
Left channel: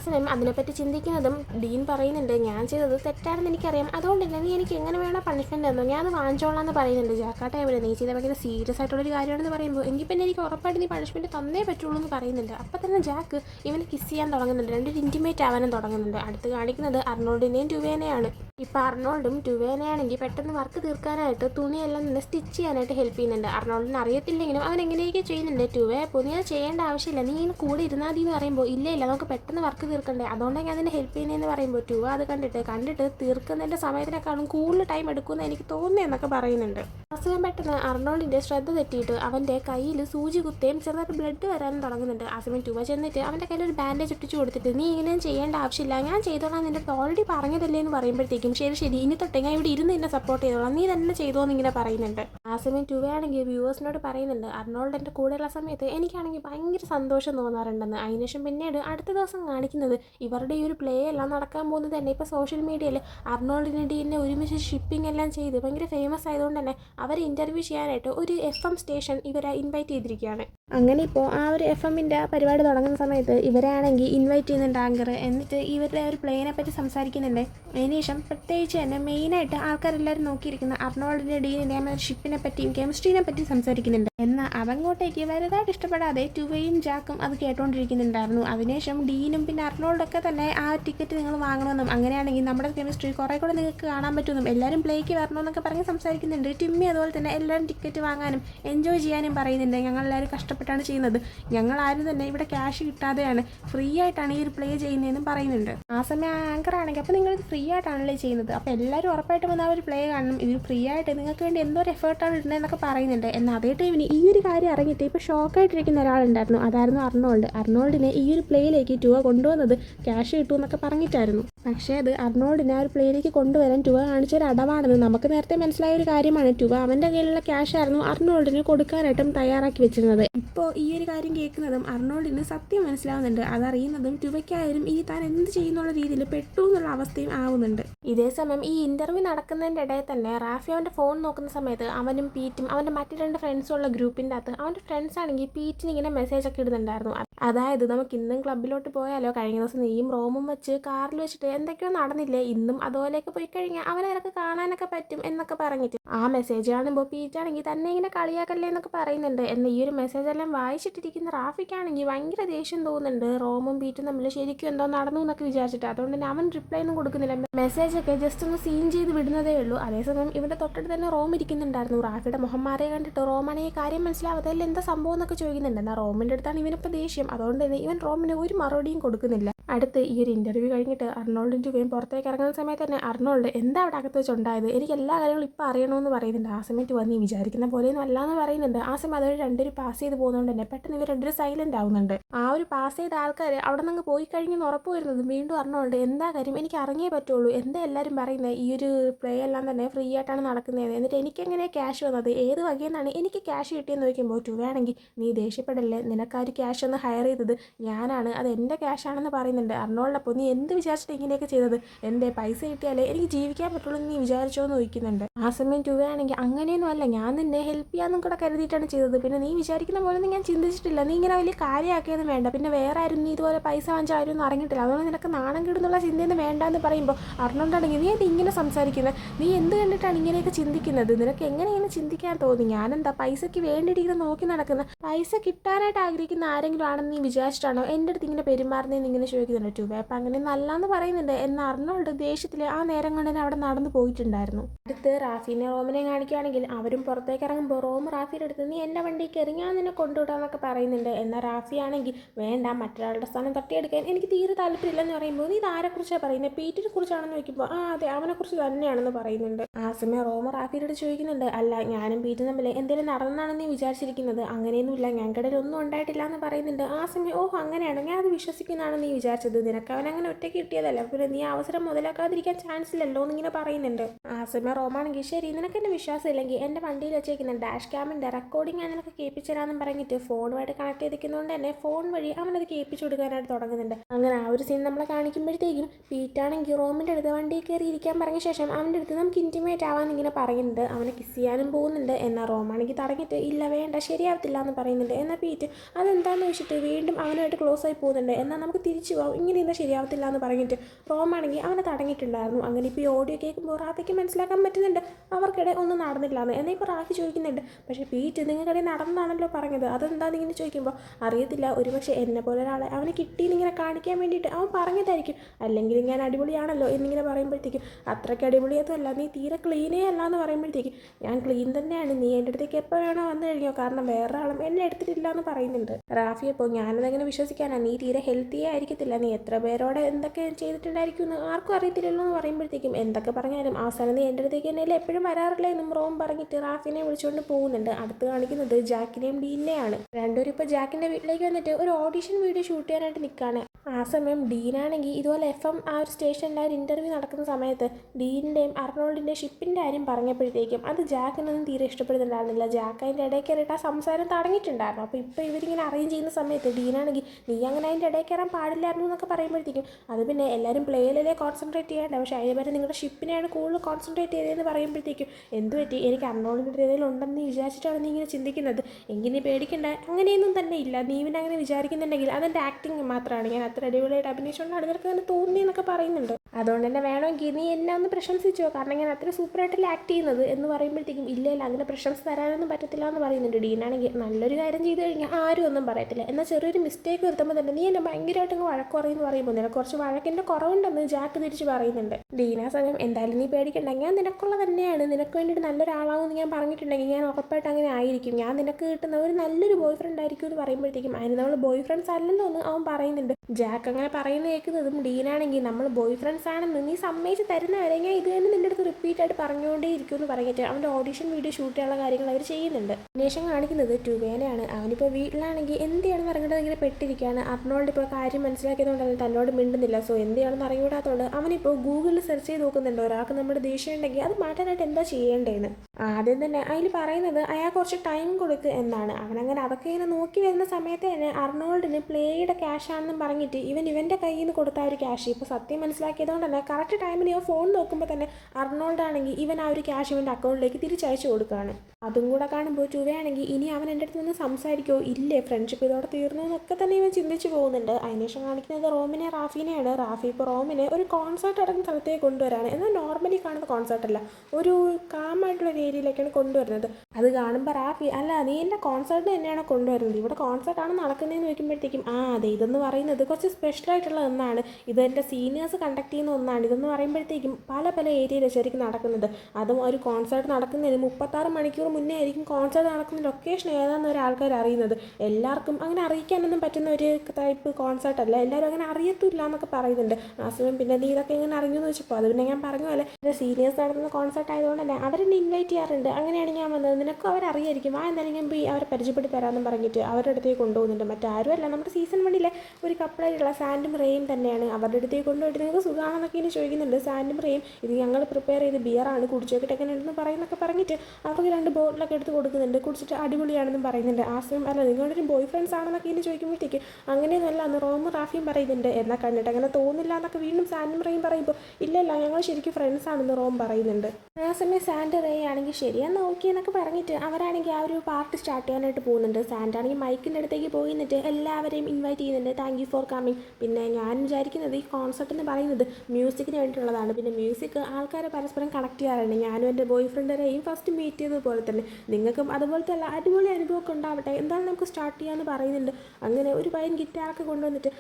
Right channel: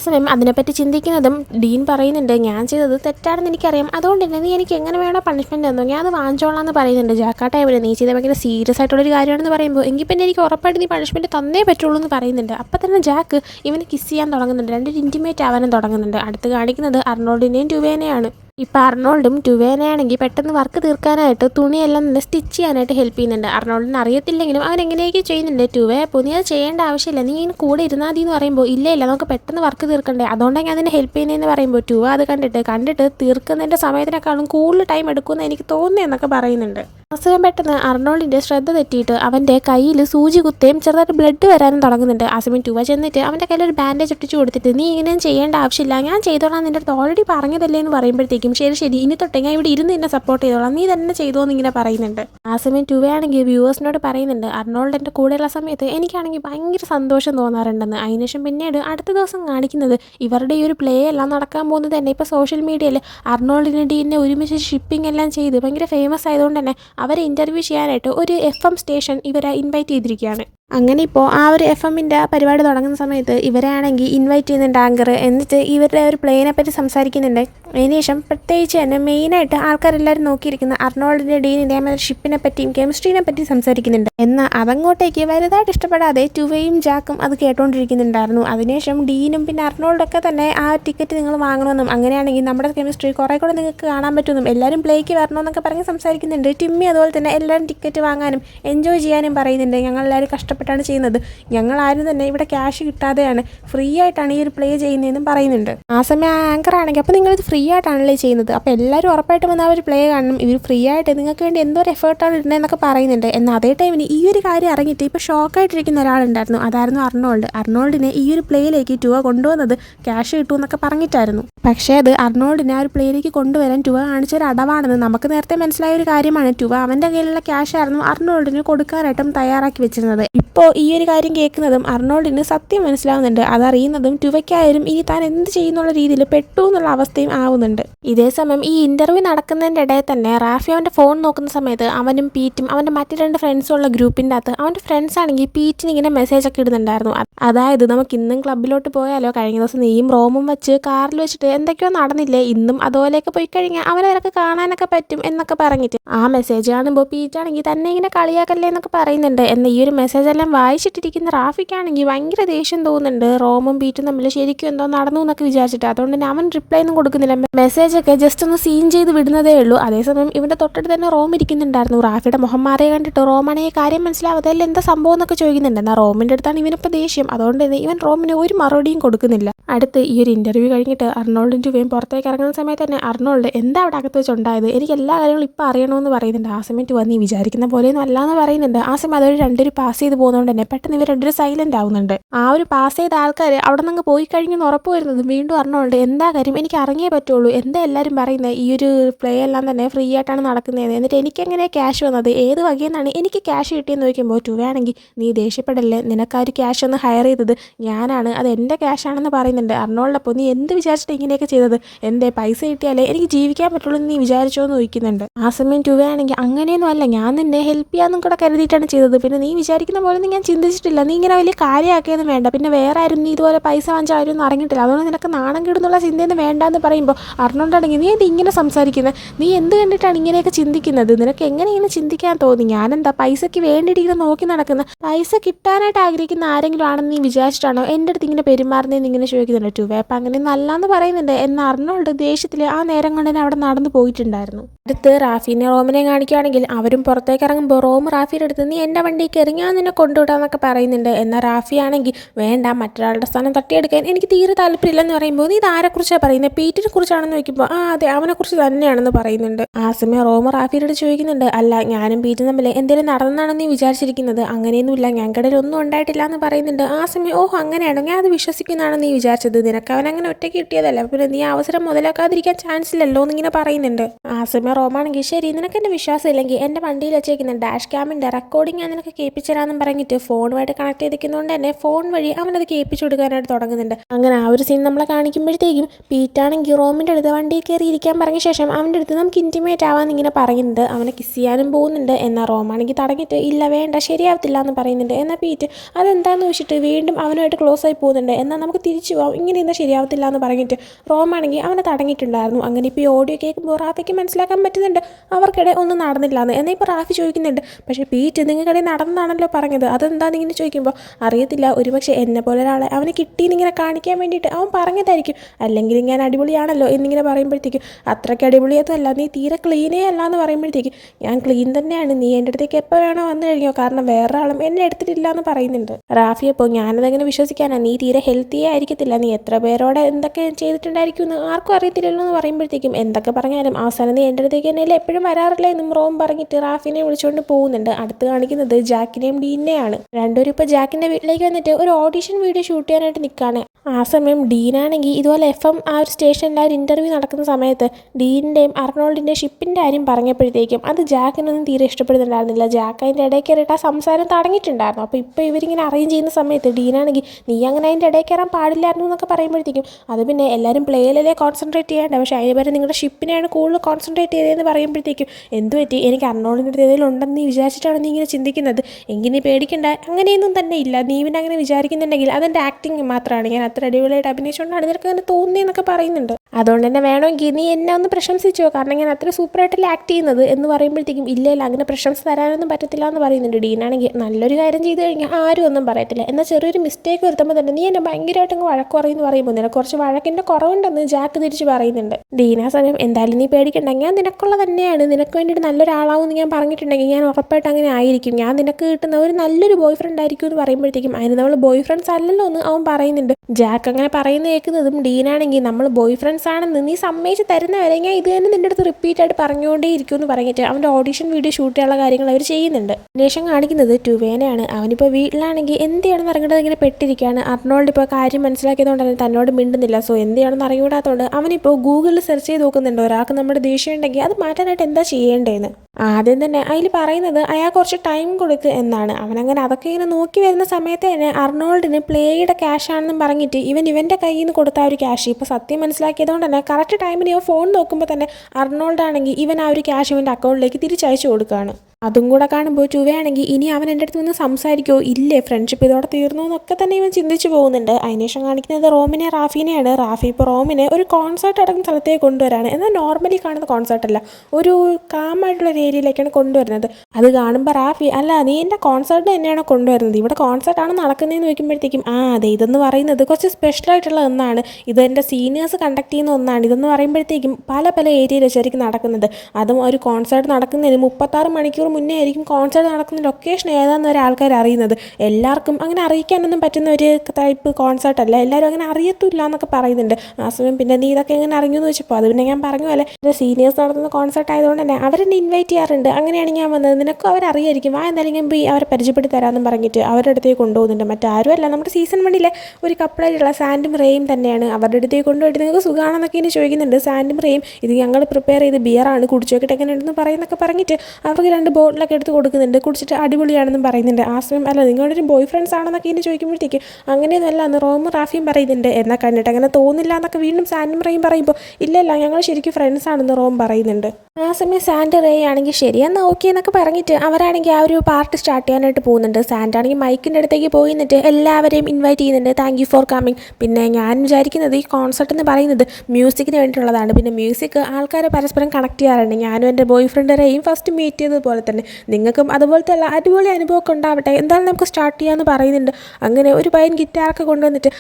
സമയം അതിനെപ്പറ്റി ചിന്തിക്കുന്നതും ഡീൻ പറയുന്നുണ്ട് ഞാൻ ചെയ്തത് തെറ്റാണെന്ന് എനിക്കറിയാം, അതുകൊണ്ട് തന്നെ നീ എനിക്ക് എങ്ങനെ വേണോ പണിഷ്മെൻറ്റ് തന്നോ, ഞാൻ അത് വാങ്ങിച്ചോളാം എന്ന് പറയുന്നുണ്ട്. ജാക്കാ ടൈമിൽ നീ ചെയ്ത ഭയങ്കര സീരിയസ് ആയിട്ടുള്ളൊരു കാര്യമാണെന്ന് പറയുമ്പോൾ എങ്കിൽ പിന്നെ എനിക്ക് ഉറപ്പായിട്ട് നീ പണിഷ്മെൻറ്റ് തന്നേ പറ്റുള്ളൂ എന്ന് പറയുന്നുണ്ട്. അപ്പം തന്നെ ജാക്ക് ഇവനെ കിസ് ചെയ്യാൻ തുടങ്ങുന്നുണ്ട്, രണ്ടൊരു ഇൻറ്റിമേറ്റ് ആവാനും തുടങ്ങുന്നുണ്ട്. അടുത്ത് കാണിക്കുന്നത് അർണോൾഡിനെയും ടുവേനെയാണ്. ഇപ്പം അർണോൾഡും ടുവേനയാണെങ്കിൽ പെട്ടെന്ന് വർക്ക് തീർക്കാനായിട്ട് തുണിയെല്ലാം തന്നെ സ്റ്റിച്ച് ചെയ്യാനായിട്ട് ഹെൽപ്പ് ചെയ്യുന്നുണ്ട്. അർണോൾഡിന് അറിയത്തില്ലെങ്കിലും അവൻ എങ്ങനെയൊക്കെ ചെയ്യുന്നുണ്ട്. ടുവേ അപ്പോൾ നീ അത് ചെയ്യേണ്ട ആവശ്യമില്ല, നീ ഇങ്ങനെ കൂടെ ഇരുന്നാൽ മതി എന്ന് പറയുമ്പോൾ ഇല്ല നമുക്ക് പെട്ടെന്ന് വർക്ക് തീർക്കണ്ടേ, അതുകൊണ്ടാണ് ഞാൻ അതിനെ ഹെൽപ്പ് ചെയ്യുന്നതെന്ന് പറയുമ്പോൾ ടുവ അത് കണ്ടിട്ട് തീർക്കുന്നതിൻ്റെ സമയത്തിനേക്കാളും കൂടുതൽ ടൈം എടുക്കുമെന്ന് എനിക്ക് തോന്നുന്നതെന്നൊക്കെ പറയുന്നുണ്ട്. അസുഖം പെട്ടെന്ന് അർണോൾഡിൻ്റെ ശ്രദ്ധ തെറ്റിയിട്ട് അവൻ്റെ കയ്യിൽ സൂചി കുത്തുകയും ചെറുതായിട്ട് ബ്ലഡ് വരാനും തുടങ്ങുന്നുണ്ട്. ആ സമയം ടുവ ചെന്നിട്ട് അവൻ്റെ കയ്യിൽ ഒരു ബാൻഡേജ് ഒട്ടിച്ച് കൊടുത്തിട്ട് നീ ഇങ്ങനെ ചെയ്യേണ്ട ആവശ്യമില്ല, ഞാൻ ചെയ്തോളാം നിൻ്റെ അടുത്ത് ഓൾറെഡി പറഞ്ഞതല്ലേ എന്ന് പറയുമ്പോഴത്തേക്കും ശരി ഇനി തൊട്ടേ ഞാൻ ഇവിടെ ഇരുന്ന് എന്നെ സപ്പോർട്ട് ചെയ്തോളാം, നീ തന്നെ ചെയ്തോന്ന് ഇങ്ങനെ പറയുന്നുണ്ട്. ആ സമയം ടുവയാണെങ്കിൽ വ്യൂവേഴ്സിനോട് പറയുന്നുണ്ട് അർണോൾഡിൻ്റെ കൂടെയുള്ള സമയത്ത് എനിക്കാണെങ്കിൽ ഭയങ്കര സന്തോഷം തോന്നാറുണ്ടെന്ന്. അതിനുശേഷം പിന്നീട് അടുത്ത ദിവസം കാണിക്കുന്നത് ഇവരുടെ ഈ ഒരു പ്ലേ എല്ലാം നടക്കാൻ പോകുന്നത് തന്നെ ഇപ്പോൾ സോഷ്യൽ മീഡിയയിൽ അർണോൾഡിനെ ഡീനെ ഒരുമിച്ച് ഷിപ്പിംഗ് എല്ലാം ചെയ്ത് ഭയങ്കര ഫേമസ് ആയതുകൊണ്ട് തന്നെ അവരെ ഇൻ്റർവ്യൂ ചെയ്യാനായിട്ട് ഒരു FM സ്റ്റേഷൻ ഇവരെ ഇൻവൈറ്റ് ചെയ്തിരിക്കുകയാണ്. അങ്ങനെ ഇപ്പോൾ ആ ഒരു FM-ൻ്റെ പരിപാടി തുടങ്ങുന്ന സമയത്ത് ഇവരാണെങ്കിൽ ഇൻവൈറ്റ് ചെയ്യുന്നുണ്ട് ആങ്കർ. എന്നിട്ട് ഇവരുടെ ഒരു പ്ലേനെ പറ്റി സംസാരിക്കുന്നുണ്ട്. അതിനുശേഷം പ്രത്യേകിച്ച് തന്നെ മെയിനായിട്ട് ആൾക്കാരെല്ലാവരും നോക്കിയിരിക്കുന്ന അർണോൾഡിൻ്റെ ഡീനിൻ്റെ ഷിപ്പിനെ പറ്റിയും കെമിസ്ട്രീനെ പറ്റി സംസാരിക്കുന്നുണ്ട്. എന്നാൽ അതങ്ങോട്ടേക്ക് വലുതായിട്ട് ഇഷ്ടപ്പെടാതെ ടുവയും ജാക്കും അത് കേട്ടോണ്ടിരിക്കുന്നുണ്ടായിരുന്നു. അതിനുശേഷം ഡീനും പിന്നെ അർണോൾഡൊക്കെ തന്നെ ആ ടിക്കറ്റ് നിങ്ങൾ വാങ്ങണമെന്നും അങ്ങനെയാണെങ്കിൽ നമ്മുടെ കെമിസ്ട്രി കുറേ കൂടെ നിങ്ങൾക്ക് കാണാൻ പറ്റുമെന്നും എല്ലാവരും പ്ലേക്ക് വരണമെന്നൊക്കെ പറഞ്ഞ് സംസാരിക്കുന്നുണ്ട്. ടിമ്മി അതുപോലെ തന്നെ എല്ലാവരും ടിക്കറ്റ് വാങ്ങാനും എൻജോയ് ചെയ്യാനും പറയുന്നുണ്ട്. ഞങ്ങളെല്ലാവരും കഷ്ടപ്പെട്ടാണ് ചെയ്യുന്നത്, ഞങ്ങളാരും തന്നെ ഇവിടെ ക്യാഷ് കിട്ടാതെയാണ് ഫ്രീ ആയിട്ടാണ് ഈ ഒരു പ്ലേ ചെയ്യുന്നതെന്നും പറയുന്നുണ്ട്. ആ സമയം ആങ്കർ ആണെങ്കിൽ അപ്പോൾ നിങ്ങളിത് ഫ്രീ ആയിട്ടാണല്ലേ ചെയ്യുന്നത്, അപ്പോൾ എല്ലാവരും ഉറപ്പായിട്ടും വന്ന് ആ ഒരു പ്ലേ കാണണം, ഇവർ ഫ്രീ ആയിട്ട് നിങ്ങൾക്ക് വേണ്ടി എന്തോ ഒരു എഫേർട്ടാണ് ഇടുന്നതെന്നൊക്കെ പറയുന്നുണ്ട്. എന്നാൽ അതേ ടൈമിന് ഈ ഒരു കാര്യം ഇറങ്ങിയിട്ട് ഇപ്പോൾ ഷോക്കായിട്ടിരിക്കുന്ന ഒരാളുണ്ടായിരുന്നു, അതായിരുന്നു അർണോൾഡ്. അർണോൾഡിനെ ഈ ഒരു പ്ലേയിലേക്ക് ടുവ കൊണ്ടുവന്നത് ക്യാഷ് കിട്ടുമെന്നൊക്കെ പറഞ്ഞിട്ടായിരുന്നു. പക്ഷേ അത് അർണോൾഡിനെ ആ ഒരു പ്ലേയിലേക്ക് കൊണ്ടുവരാൻ ടുവ കാണിച്ചൊരു അടവാണെന്ന് നമുക്ക് നേരത്തെ മനസ്സിലായ ഒരു കാര്യമാണ്. ടുവ അവൻ്റെ കയ്യിലുള്ള ക്യാഷ് ആയിരുന്നു അർണോൾഡിന് കൊടുക്കാനായിട്ടും തയ്യാറാക്കി വെച്ചിരുന്നത്. ഇപ്പോൾ ഈ ഒരു കാര്യം കേൾക്കുന്നതും അർണോൾഡിന് സത്യം മനസ്സിലാവുന്നുണ്ട്. അതറിയുന്നതും ടുവയ്ക്കായാലും ഇനി താൻ എന്ത് ചെയ്യുന്നുള്ള രീതിയിൽ പെട്ടു എന്നുള്ള അവസ്ഥയും ആവുന്നുണ്ട്. ഇതേ സമയം ഈ ഇന്റർവ്യൂ നടക്കുന്നതിൻ്റെ ഇടയിൽ തന്നെ റാഫി അവൻ്റെ ഫോൺ നോക്കുന്ന സമയത്ത് അവനും പീറ്റും അവൻ്റെ മറ്റു 2 ഫ്രണ്ട്സും ഉള്ള ഗ്രൂപ്പിൻ്റെ അകത്ത് അവൻ്റെ ഫ്രണ്ട്സ് ആണെങ്കിൽ പീറ്റിന് ഇങ്ങനെ മെസ്സേജ് ഒക്കെ ഇടുന്നുണ്ടായിരുന്നു. അതായത് നമുക്ക് ഇന്നും ക്ലബ്ബിലോട്ട് പോയാലോ, കഴിഞ്ഞ ദിവസം നീയും റോമും വെച്ച് കാറിൽ വെച്ചിട്ട് എന്തൊക്കെയോ നടന്നില്ലേ, ഇന്നും അതുപോലെയൊക്കെ പോയി കഴിഞ്ഞാൽ അവരൊക്കെ കാണാനൊക്കെ പറ്റും എന്നൊക്കെ പറഞ്ഞിട്ട് ആ മെസ്സേജ് കാണുമ്പോൾ പീറ്റാണെങ്കിൽ തന്നെ ഇങ്ങനെ കളിയാക്കല്ലേ എന്നൊക്കെ പറയുന്നുണ്ട്. എന്നാൽ ഈ ഒരു മെസ്സേജ് എല്ലാം വായിച്ചിട്ടിരിക്കുന്ന റാഫിക്കാണെങ്കിൽ ഭയങ്കര ദേഷ്യം തോന്നുന്നുണ്ട്. റോമും പീറ്റും തമ്മിൽ ശരിക്കും എന്തോ നടന്നു എന്നൊക്കെ വിചാരിച്ചിട്ട്. അതുകൊണ്ട് തന്നെ അവൻ റിപ്ലൈ ഒന്നും കൊടുക്കുന്നില്ല. മെസ്സേജൊക്കെ ജസ്റ്റ് ഒന്ന് സീൻ ചെയ്ത് വിടുന്നതേ ഉള്ളൂ. അതേസമയം ഇവൻ്റെ തൊട്ടടുത്ത് തന്നെ റോം ഇരിക്കുന്നുണ്ടായിരുന്നു. റാഫിയുടെ മുഖം മാറിയെ കണ്ടിട്ട് റോമാണെങ്കിൽ കാര്യം മനസ്സിലാവാതെ അല്ല എന്താ സംഭവം എന്നൊക്കെ ചോദിക്കുന്നുണ്ട്. എന്നാൽ റോമിൻ്റെ അടുത്താണ് ഇവനിപ്പോൾ ദേഷ്യം. അതുകൊണ്ട് തന്നെ ഇവൻ റോമിന് ഒരു മറുപടിയും കൊടുക്കുന്നില്ല. അടുത്ത് ഈ ഒരു ഇൻ്റർവ്യൂ കഴിഞ്ഞിട്ട് അർണോൾഡും ടുവയും പുറത്തേക്ക് ഇറങ്ങുന്ന സമയത്ത് തന്നെ അർണോൾഡ് എന്താ അവിടെ അകത്ത് വെച്ചുണ്ടായത്, എനിക്ക് എല്ലാ കാര്യങ്ങളും ഇപ്പോൾ അറിയണമെന്ന് പറയുന്നുണ്ട്. ആ സമയം ടുവ നീ വിചാരിക്കുന്ന പോലെയൊന്നും അല്ലാന്ന് പറയുന്നുണ്ട്. ആ സമയം അതൊരു 2 പാസ് ചെയ്ത് പോകുന്നതുകൊണ്ട് തന്നെ പെട്ടെന്ന് ഇവർ 2 സൈലൻ്റ് ആവുന്നുണ്ട്. ആ ഒരു പാസ് ചെയ്ത ആൾക്കാർ അവിടെ നിന്ന് പോയി കഴിഞ്ഞെന്ന് ഉറപ്പ് വരുന്നത് വീണ്ടും അർണോൾഡ് എന്താ കാര്യം, എനിക്ക് അറിഞ്ഞേ പറ്റുള്ളൂ, എന്താ എല്ലാവരും പറയുന്നത് ഈ ഒരു പ്ലേ എല്ലാം തന്നെ ഫ്രീ ആയിട്ടാണ് നടക്കുന്നത്, എന്നിട്ട് എനിക്കെങ്ങനെ ക്യാഷ് വന്നത്, ഏത് വകയെന്നാണ് എനിക്ക് ക്യാഷ് കിട്ടിയെന്ന് ചോദിക്കുമ്പോൾ ടുവയാണെങ്കിൽ നീ ദേഷ്യപ്പെടല്ലേ, നിനക്ക് ആ ഒരു ക്യാഷ് ഒന്ന് ഹയർ ചെയ്തത് ഞാനാണ്, അത് എൻ്റെ ക്യാഷാണെന്ന് പറയുന്നുണ്ട്. അർണോൾഡ് അപ്പോൾ നീ എന്ത് വിചാരിച്ചിട്ട് ഇങ്ങനെയൊക്കെ ചെയ്തത്, എൻ്റെ പൈസ കിട്ടിയാലേ എനിക്ക് ജീവിക്കാൻ പറ്റുള്ളൂ എന്ന് നീ വിചാരിച്ചോ എന്ന് ചോദിക്കുന്നുണ്ട്. ആ സമയം ടുവയാണെങ്കിൽ അങ്ങനെയൊന്നും അല്ല, ഞാൻ നിന്നെ ഹെൽപ്പ് ചെയ്യാമെന്നും കൂടെ കരുതിയിട്ടാണ് ചെയ്തത്, പിന്നെ നീ വിചാരിക്കുന്ന പോലെ ഞാൻ ചിന്തിച്ചിട്ടില്ല, നീ ഇങ്ങനെ വലിയ കാര്യമാക്കിയൊന്നും വേണ്ട, പിന്നെ വേറെ ആരും നീ ഇതുപോലെ പൈസ വാങ്ങിച്ച ആരും ഒന്നും അറിഞ്ഞിട്ടില്ല, അതുകൊണ്ട് നിനക്ക് നാണം കിടുന്നുള്ള ചിന്തയൊന്നും വേണ്ടെന്ന് പറയുമ്പോൾ അർണോൾഡാണെങ്കിൽ നീ എന്ത് ഇങ്ങനെ സംസാരിക്കുന്നത്, നീ എന്ത് കണ്ടിട്ടാണ് ഇങ്ങനെയൊക്കെ ചിന്തിക്കുന്നത്, നിനക്ക് എങ്ങനെ ഇങ്ങനെ ചിന്തിക്കാൻ തോന്നി, ഞാനെന്താ പൈസയ്ക്ക് വേണ്ടിയിട്ട് ഇങ്ങനെ നോക്കി നടക്കുന്ന, പൈസ കിട്ടാനായിട്ട് ആഗ്രഹിക്കുന്ന ആരെങ്കിലും ആണെന്ന് നീ വിചാരിച്ചിട്ടാണോ എൻ്റെ അടുത്ത് ഇങ്ങനെ പെരുമാറുന്നതെന്ന് ഇങ്ങനെ ചോദിക്കുന്നുണ്ട്. ടുവ അപ്പം അങ്ങനെ നല്ലാന്ന് പറയുന്നുണ്ട്. എന്നാൽ അർണോൾഡ് ദേഷ്യത്തിൽ ആ നേരം കൊണ്ട് തന്നെ അവിടെ നടന്നു പോയിട്ടുണ്ടായിരുന്നു. അടുത്ത് റാഫിനെ റോമിനെ കാണിക്കുകയാണെങ്കിൽ അവരും പുറത്തേക്ക് ഇറങ്ങുമ്പോൾ റോം റാഫിയുടെ അടുത്ത് നീ എൻ്റെ വണ്ടിയിൽ കയറി ഞാൻ നിന്നെ കൊണ്ടുവിടാന്നൊക്കെ പറയുന്നുണ്ട്. എന്നാൽ റാഫി ആണെങ്കിൽ വേണ്ട, മറ്റൊരാളുടെ സ്ഥാനം തട്ടിയെടുക്കാൻ എനിക്ക് തീരെ താല്പര്യമില്ലെന്ന് പറയുമ്പോൾ നീ ഇത് ആരെക്കുറിച്ചാണ് പറയുന്നത്, പീറ്റിനെ കുറിച്ചാണെന്ന് ചോദിക്കുമ്പോൾ ആ അതെ അവനെക്കുറിച്ച് തന്നെയാണെന്ന് പറയുന്നുണ്ട്. ആ സമയം റോം റാഫിയുടെ അടുത്ത് ചോദിക്കുന്നുണ്ട് അല്ല ഞാനും പീറ്റും തമ്മിൽ എന്തെങ്കിലും നടന്നാണെന്ന് നീ വിചാരിച്ചിരിക്കുന്നത്, അങ്ങനെയൊന്നുമില്ല, ഞങ്ങളുടെ ഒന്നും ഉണ്ടായിട്ടില്ല എന്ന് പറയുന്നുണ്ട്. ആ സമയം ഓഹോ അങ്ങനെയാണോ, ഞാൻ അത് വിശ്വസിക്കുന്നതാണെന്ന് നീ വിചാരിച്ചത്, നിനക്ക് അവനങ്ങനെ ഒറ്റയ്ക്ക് കിട്ടിയതല്ല, പിന്നെ നീ അവസരം മുതലാക്കാതിരിക്കാൻ ചാൻസ് ഇല്ലല്ലോ എന്നിങ്ങനെ പറയുന്നുണ്ട്. ആ സമയം റോമാണെങ്കിൽ ശരി നിനക്ക് എൻ്റെ വിശ്വാസം ഇല്ലെങ്കിൽ എൻ്റെ വണ്ടിയിൽ വെച്ചേക്കുന്ന ഡാഷ് ക്യാമിൻ്റെ റെക്കോർഡിങ് ഞാൻ നിനക്ക് കേൾപ്പിച്ചരാന്നും പറഞ്ഞിട്ട് ഫോണുമായിട്ട് കണക്ട് ചെയ്തിരിക്കുന്നതുകൊണ്ട് തന്നെ ഫോൺ വഴി അവനത് കേൾപ്പിച്ചു കൊടുക്കാനായിട്ട് തുടങ്ങുന്നുണ്ട്. അങ്ങനെ ആ ഒരു സീൻ നമ്മളെ കാണിക്കുമ്പോഴത്തേക്കും പീറ്റാണെങ്കിൽ റോമിൻ്റെ അടുത്ത് വണ്ടിയിൽ കയറി ഇരിക്കാൻ പറഞ്ഞ ശേഷം അവൻ്റെ അടുത്ത് നമുക്ക് ഇൻറ്റിമേറ്റ് ആവാമെന്ന് ഇങ്ങനെ പറയുന്നുണ്ട്. അവനെ കിസ് ചെയ്യാനും പോകുന്നുണ്ട്. എന്നാൽ റോമാണെങ്കിൽ തടങ്ങിയിട്ട് ഇല്ല വേണ്ട ശരിയാവത്തില്ല എന്ന് പറയുന്നുണ്ട്. എന്നാൽ പീറ്റ് അതെന്താണെന്ന് വെച്ചിട്ട് വീണ്ടും അവനുമായിട്ട് ക്ലോസ് ആയി പോകുന്നുണ്ട്. എന്നാൽ നമുക്ക് തിരിച്ചു പോകാം, ഇങ്ങനെ ഇന്ന് ശരിയാവത്തില്ല എന്ന് പറഞ്ഞിട്ട് റോമാണെങ്കിൽ അവനെ തടങ്ങിയിട്ടുണ്ടായിരുന്നു. അങ്ങനെ ഇപ്പോൾ ഈ ഓഡിയോ കേൾക്കുമ്പോൾ റാഫിക്ക് മനസ്സിലാക്കാൻ പറ്റുന്നുണ്ട് അവർക്കിടെ ഒന്നും നടന്നില്ല എന്ന്. എന്നാൽ ഇപ്പോൾ റാഫി ചോദിക്കുന്നുണ്ട് പക്ഷേ പീറ്റ് നിങ്ങൾക്കിടെ നടന്നതാണല്ലോ പറഞ്ഞത്, അതെന്താണെന്ന് ഇങ്ങനെ ചോദിക്കുമ്പോൾ അറിയത്തില്ല, ഒരുപക്ഷെ എന്നെ പോലെ ഒരാളെ അവന് കിട്ടിയെന്നിങ്ങനെ കാണിക്കാൻ വേണ്ടിയിട്ട് അവൻ പറഞ്ഞതായിരിക്കും, അല്ലെങ്കിൽ ഞാൻ അടിപൊളിയാണല്ലോ എന്നിങ്ങനെ പറയുമ്പോഴത്തേക്കും അത്രയ്ക്ക് അടിപൊളിയൊന്നുമല്ല, നീ തീരെ ക്ലീനേ അല്ല എന്ന് പറയുമ്പോഴത്തേക്കും ഞാൻ ക്ലീൻ തന്നെയാണ്, നീ എൻ്റെ അടുത്തേക്ക് എപ്പോൾ വേണോ വന്നു കഴിഞ്ഞോ, കാരണം വേറെ ആളും എന്നെ എടുത്തിട്ടില്ല എന്ന് പറയുന്നുണ്ട്. റാഫി അപ്പോൾ ഞാനതെങ്ങനെ വിശ്വസിക്കാനാണ്, നീ തീരെ ഹെൽത്തിയേ ആയിരിക്കത്തില്ല, നീ എത്ര പേരോടെ എന്തൊക്കെ ചെയ്തിട്ടുണ്ടായിരിക്കും എന്ന് ആർക്കും അറിയത്തില്ലല്ലോ എന്ന് പറയുമ്പോഴത്തേക്കും എന്തൊക്കെ പറഞ്ഞാലും അവസാനം നീ എൻ്റെ അടുത്തേക്ക് തന്നെ എപ്പോഴും വരാറില്ല എന്നും റോം പറഞ്ഞിട്ട് റാഫിനെ വിളിച്ചുകൊണ്ട് പോകുന്നുണ്ട്. അടുത്ത് കാണിക്കുന്നത് ജാക്കിനെയും ഡീനെയാണ്. രണ്ടുപേരും ഇപ്പോൾ ജാക്കിൻ്റെ വീട്ടിലേക്ക് വന്നിട്ട് ഒരു ഓഡിഷൻ വീഡിയോ ഷൂട്ട് ചെയ്യാനായിട്ട് നിൽക്കുകയാണ്. ആ സമയം ഡീനാണെങ്കിൽ ഇതുപോലെ FM ആ ഒരു സ്റ്റേഷനിൽ ആ ഒരു ഇൻ്റർവ്യൂ നടക്കുന്ന സമയത്ത് ഡീനിൻ്റെയും അർണോൾഡിൻ്റെയും ഷിപ്പിൻ്റെ കാര്യം പറഞ്ഞപ്പോഴത്തേക്കും അത് ജാക്കിനൊന്നും തീരെ ഇഷ്ടപ്പെടുന്നുണ്ടായിരുന്നില്ല. ജാക്ക് അതിൻ്റെ ഇടയിൽ കയറിയിട്ട് ആ സംസാരം തടങ്ങിയിട്ടുണ്ടായിരുന്നു. അപ്പോൾ ഇപ്പോൾ ഇവരിങ്ങനെ അറേഞ്ച് ചെയ്യുന്ന സമയത്ത് ഡീനാണെങ്കിൽ നീ അങ്ങനെ അതിൻ്റെ ഇടയിൽ കയറാൻ പാടില്ലായിരുന്നു എന്നൊക്കെ പറയുമ്പോഴത്തേക്കും അത് പിന്നെ എല്ലാവരും പ്ലേയിലല്ലേ കോൺസെൻട്രേറ്റ് ചെയ്യേണ്ടത്, പക്ഷേ അതിന് പകരം നിങ്ങളുടെ ഷിപ്പിനെയാണ് കൂടുതൽ കോൺസെൻട്രേറ്റ് ചെയ്തതെന്ന് പറയുമ്പോഴത്തേക്കും എന്ത് പറ്റി, എനിക്ക് അർണോൾഡിൻ്റെ അടുത്ത് ഏതെങ്കിലും ഉണ്ടെന്ന് നീ വിചാരിച്ചിട്ടാണ് നീ ഇങ്ങനെ ചിന്തിക്കുന്നത്, എങ്കിൽ നീ പേടിക്കണ്ട, അങ്ങനെയൊന്നും തന്നെ ഇല്ല, നീ പിന്നെ അങ്ങനെ വിചാരിക്കുന്നുണ്ടെങ്കിൽ അതെൻ്റെ ആക്ടിങ് മാത്രമാണ്, ഞാൻ അത്ര അടിപൊളിയായിട്ട് അഭിനയിച്ചുകൊണ്ടാണ് നിനക്ക് തന്നെ തോന്നിയെന്നൊക്കെ പറയുന്നുണ്ട്. അതുകൊണ്ട് തന്നെ വേണമെങ്കിൽ നീ എന്നെ ഒന്ന് പ്രശംസിച്ചോ, കാരണം ഞാൻ അത്ര സൂപ്പറായിട്ടല്ലേ ആക്ട് ചെയ്യുന്നത് എന്ന് പറയുമ്പോഴത്തേക്കും ഇല്ല അങ്ങനെ പ്രശംസ തരാനൊന്നും പറ്റത്തില്ല എന്ന് പറയുന്നുണ്ട്. ഡീനാണെങ്കിൽ നല്ലൊരു കാര്യം ചെയ്ത് കഴിഞ്ഞാൽ ആരും ഒന്നും പറയത്തില്ല, എന്നാൽ ചെറിയൊരു മിസ്റ്റേക്ക് വരുത്തുമ്പോൾ തന്നെ നീ എന്നെ ഭയങ്കരമായിട്ട് അങ്ങ് വഴക്ക് പറയുമെന്ന് പറയുമ്പോൾ നിനക്ക് കുറച്ച് വഴക്കിൻ്റെ കുറവുണ്ടെന്ന് ജാക്ക് തിരിച്ച് പറയുന്നുണ്ട്. ഡീന സമയം എന്തായാലും നീ പേടിക്കണ്ട, ഞാൻ നിനക്കുള്ള തന്നെയാണ്, നിനക്ക് വേണ്ടിയിട്ട് നല്ലൊരാളാവുമെന്ന് ഞാൻ പറഞ്ഞിട്ടുണ്ടെങ്കിൽ ഞാൻ ഉറപ്പായിട്ട് അങ്ങനെ ആയിരിക്കും, ഞാൻ നിനക്ക് കിട്ടുന്ന ഒരു നല്ലൊരു ബോയ് ഫ്രണ്ട് ആയിരിക്കും എന്ന് പറയുമ്പോഴത്തേക്കും അതിന് നമ്മൾ ബോയ് ഫ്രണ്ട്സ് അല്ലല്ലോ എന്ന് അവൻ പറയുന്നുണ്ട്. ജാക്ക് അങ്ങനെ പറയുന്നത് കേൾക്കുന്നതും ഡീനാണെങ്കിൽ നമ്മൾ ബോയ് ഫ്രണ്ട്സ് ഫ്രണ്ട്സ് ആണെന്ന് നീ സമ്മതിച്ച് തരുന്നവരെ ഞാൻ ഇത് തന്നെ നിൻ്റെ അടുത്ത് റിപ്പീറ്റായിട്ട് പറഞ്ഞുകൊണ്ടേ ഇരിക്കുമെന്ന് പറഞ്ഞിട്ട് അവൻ്റെ ഓഡിഷൻ വീഡിയോ ഷൂട്ട് ചെയ്യാനുള്ള കാര്യങ്ങൾ അവർ ചെയ്യുന്നുണ്ട്. ശേഷം കാണിക്കുന്നത് ടുവേനെയാണ്. അവനിപ്പോൾ വീട്ടിലാണെങ്കിൽ എന്ത് ചെയ്യണമെന്ന് അറിയേണ്ടത് ഇങ്ങനെ പെട്ടിരിക്കുകയാണ്. അർണോൾഡ് ഇപ്പോൾ കാര്യം മനസ്സിലാക്കിയതുകൊണ്ട് തന്നെ തന്നോട് മിണ്ടുന്നില്ല. സോ എന്ത് ചെയ്യണമെന്ന് അറിയൂടാത്തതുകൊണ്ട് അവനിപ്പോൾ ഗൂഗിളിൽ സെർച്ച് ചെയ്ത് നോക്കുന്നുണ്ട് ഒരാൾക്ക് നമ്മുടെ ദേഷ്യം ഉണ്ടെങ്കിൽ അത് മാറ്റാനായിട്ട് എന്താ ചെയ്യേണ്ടതെന്ന്. ആദ്യം തന്നെ അതിൽ പറയുന്നത് അയാൾ കുറച്ച് ടൈം കൊടുക്കുക എന്നാണ്. അവനങ്ങനെ അതൊക്കെ ഇങ്ങനെ നോക്കി വരുന്ന സമയത്ത് തന്നെ അർണോൾഡിന് പ്ലേയുടെ ക്യാഷ് ആണെന്നും പറഞ്ഞിട്ട് ഇവൻ്റെ കയ്യിൽ നിന്ന് കൊടുത്ത ആ ഒരു ക്യാഷ് ഇപ്പോൾ സത്യം മനസ്സിലാക്കിയതുകൊണ്ട് തന്നെ കറക്റ്റ് ടൈമിന് ഇവൻ ഫോൺ നോക്കുമ്പോൾ തന്നെ അർണോൾഡ് ആണെങ്കിൽ ഇവൻ ആ ഒരു ക്യാഷ് ഇവൻ്റെ അക്കൗണ്ടിലേക്ക് തിരിച്ചയച്ചു കൊടുക്കുകയാണ്. അതും കൂടെ കാണുമ്പോൾ ചുവയാണെങ്കിൽ ഇനി അവൻ എൻ്റെ അടുത്ത് നിന്ന് സംസാരിക്കുമോ ഇല്ലേ, ഫ്രണ്ട്ഷിപ്പ് ഇതോടെ തീർന്നു എന്നൊക്കെ തന്നെ ഇവൻ ചിന്തിച്ച് പോകുന്നുണ്ട്. അതിനുശേഷം കാണിക്കുന്നത് റോമിനെ റാഫിനെയാണ്. റാഫി ഇപ്പോൾ റോമിനെ ഒരു കോൺസേർട്ട് അടക്കുന്ന സ്ഥലത്തേക്ക് കൊണ്ടുവരാണ്. എന്നാൽ നോർമലി കാണുന്ന കോൺസേർട്ടല്ല, ഒരു കാമായിട്ടുള്ള ഒരു ഏരിയയിലേക്കാണ് കൊണ്ടുവരുന്നത്. അത് കാണുമ്പോൾ റാഫി അല്ല നീ എൻ്റെ കോൺസേർട്ട് തന്നെയാണ് കൊണ്ടുവരുന്നത്, ഇവിടെ കോൺസേർട്ടാണ് നടക്കുന്നതെന്ന് ചോദിക്കുമ്പോഴത്തേക്കും അതെ ഇതെന്ന് പറയുന്നത് കുറച്ച് സ്പെഷ്യലായിട്ടുള്ള ഒന്നാണ്, ഇത് എൻ്റെ സീനിയേഴ്സ് കണ്ടക്ട് ചെയ്യുന്ന ഒന്നാണ്. ഇതെന്ന് പറയുമ്പോഴത്തേക്കും പല പല ഏരിയയിൽ ശരിക്കും നടക്കുന്നത്, അതും ഒരു കോൺസേർട്ട് നടക്കുന്നതിന് 36 മണിക്കൂർ മുന്നേ ആയിരിക്കും കോൺസേർട്ട് നടക്കുന്ന ലൊക്കേഷൻ ഏതാണെന്ന് വരെ ആൾക്കാർ അറിയുന്നത്. എല്ലാവർക്കും അങ്ങനെ അറിയിക്കാനൊന്നും പറ്റുന്ന ഒരു ടൈപ്പ് കോൺസേർട്ടല്ല, എല്ലാവരും അങ്ങനെ അറിയത്തില്ല എന്നൊക്കെ പറയുന്നുണ്ട്. ആ സമയം പിന്നെ നീ ഇതൊക്കെ എങ്ങനെ അറിഞ്ഞു എന്ന് വെച്ചപ്പോൾ അത് പിന്നെ ഞാൻ പറഞ്ഞു പോലെ എൻ്റെ സീനിയേഴ്സ് നടത്തുന്ന കോൺസേർട്ട് ആയതുകൊണ്ട് തന്നെ അവരെന്നെ ഇൻവൈറ്റ് ചെയ്യാറുണ്ട്, അങ്ങനെയാണ് ഞാൻ വന്നത്, നിനക്കും അവരറിയായിരിക്കും, എന്തായാലും ഞാൻ പോയി അവരെ പരിചയപ്പെടുത്തി തരാമെന്ന് പറഞ്ഞിട്ട് അവരുടെ അടുത്തേക്ക് കൊണ്ടുപോകുന്നുണ്ട്. മറ്റാരുമല്ല നമ്മുടെ സീസൺ 1 ഒരു കപ്പിളായിട്ടുള്ള സാൻഡും റേയും തന്നെയാണ്. അവരുടെ അടുത്തേക്ക് കൊണ്ടുപോയിട്ട് നിങ്ങൾക്ക് സുഖമാണെന്നൊക്കെ ഇനി ചോദിക്കുന്നുണ്ട്. സാൻഡും റേയും ഇത് ഞങ്ങൾ പ്രിപ്പയർ ചെയ്ത് ബിയറാണ്, കുടിച്ചു നോക്കിയിട്ട് എങ്ങനെ ഉണ്ടെന്ന് പറയുന്നൊക്കെ പറഞ്ഞിട്ട് അവർക്ക് 2 ബോട്ടിലൊക്കെ എടുത്ത് കൊടുക്കുന്നുണ്ട്. കുടിച്ചിട്ട് അടിപൊളിയാണെന്നും പറയുന്നുണ്ട്. ആ സമയം അല്ല നിങ്ങളുടെ ഒരു ബോയ് ഫ്രണ്ട്സ് ആണെന്നൊക്കെ ഇനി ചോദിക്കുമ്പോഴത്തേക്ക് അങ്ങനെയൊന്നുമല്ല എന്ന് റോമും റാഫിയും പറയുന്നുണ്ട്. എന്നാൽ കണ്ടിട്ട് അങ്ങനെ തോന്നില്ല എന്നൊക്കെ വീണ്ടും സാൻഡും റേയും പറയുമ്പോൾ ഇല്ലല്ല ഞങ്ങൾ ശരിക്കും ഫ്രണ്ട്സ് ആണെന്ന് റോം പറയുന്നുണ്ട്. ആ സമയം സാൻഡ് റേ ആണെങ്കിൽ ശരിയെന്നാൽ ഓക്കെ എന്നൊക്കെ പറഞ്ഞിട്ട് അവരാണെങ്കിൽ ആ ഒരു പാർട്ടി സ്റ്റാർട്ട് ചെയ്യാനായിട്ട് പോകുന്നുണ്ട്. സാൻഡ് ആണെങ്കിൽ മൈക്കിൻ്റെ അടുത്തേക്ക് പോയി നിന്നിട്ട് എല്ലാവരെയും ഇൻവൈറ്റ് ചെയ്യുന്നുണ്ട്, താങ്ക് യു ഫോർ കമ്മിങ്. പിന്നെ ഞാൻ വിചാരിക്കുന്നത് ഈ കോൺസെർട്ട് എന്ന് പറയുന്നത് മ്യൂസിക്കിന് വേണ്ടിയിട്ടുള്ളതാണ്. പിന്നെ മ്യൂസിക് ആൾക്കാരെ പരസ്പരം കണക്ട് ചെയ്യാറുണ്ട്. ഞാനും എൻ്റെ ബോയ് ഫ്രണ്ടിനെയും ഫസ്റ്റ് മീറ്റ് ചെയ്തതുപോലെ തന്നെ നിങ്ങൾക്കും അതുപോലത്തെ ഉള്ള അടിപൊളി അനുഭവമൊക്കെ ഉണ്ടാവട്ടെ, എന്തായാലും നമുക്ക് സ്റ്റാർട്ട് ചെയ്യാമെന്ന് പറയുന്നുണ്ട്. അങ്ങനെ ഒരു പയ്യൻ ഗിറ്റാറൊക്കെ കൊണ്ടുവന്നിട്ട്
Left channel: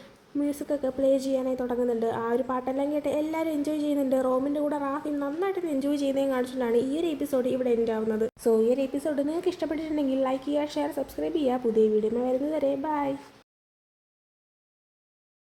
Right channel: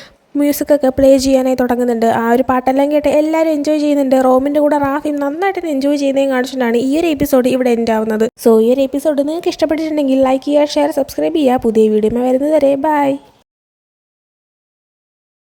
മ്യൂസിക്കൊക്കെ പ്ലേ ചെയ്യാനായി തുടങ്ങുന്നുണ്ട്. ആ ഒരു പാട്ടെല്ലാം കേട്ട് എല്ലാവരും എൻജോയ് ചെയ്യുന്നുണ്ട്. റോമിൻ്റെ കൂടെ റാഫിയും നന്നായിട്ട് എൻജോയ് ചെയ്യുന്നതും കാണിച്ചിട്ടാണ് ഈ ഒരു എപ്പിസോഡ് ഇവിടെ എൻഡ് ആവുന്നത്. സോ ഈ ഒരു എപ്പിസോഡ് നിങ്ങൾക്ക് ഇഷ്ടപ്പെട്ടിട്ടുണ്ടെങ്കിൽ ലൈക്ക് ചെയ്യുക, ഷെയർ, സബ്സ്ക്രൈബ് ചെയ്യുക. പുതിയ വീഡിയോ വരുന്നത് വരെ ബൈ.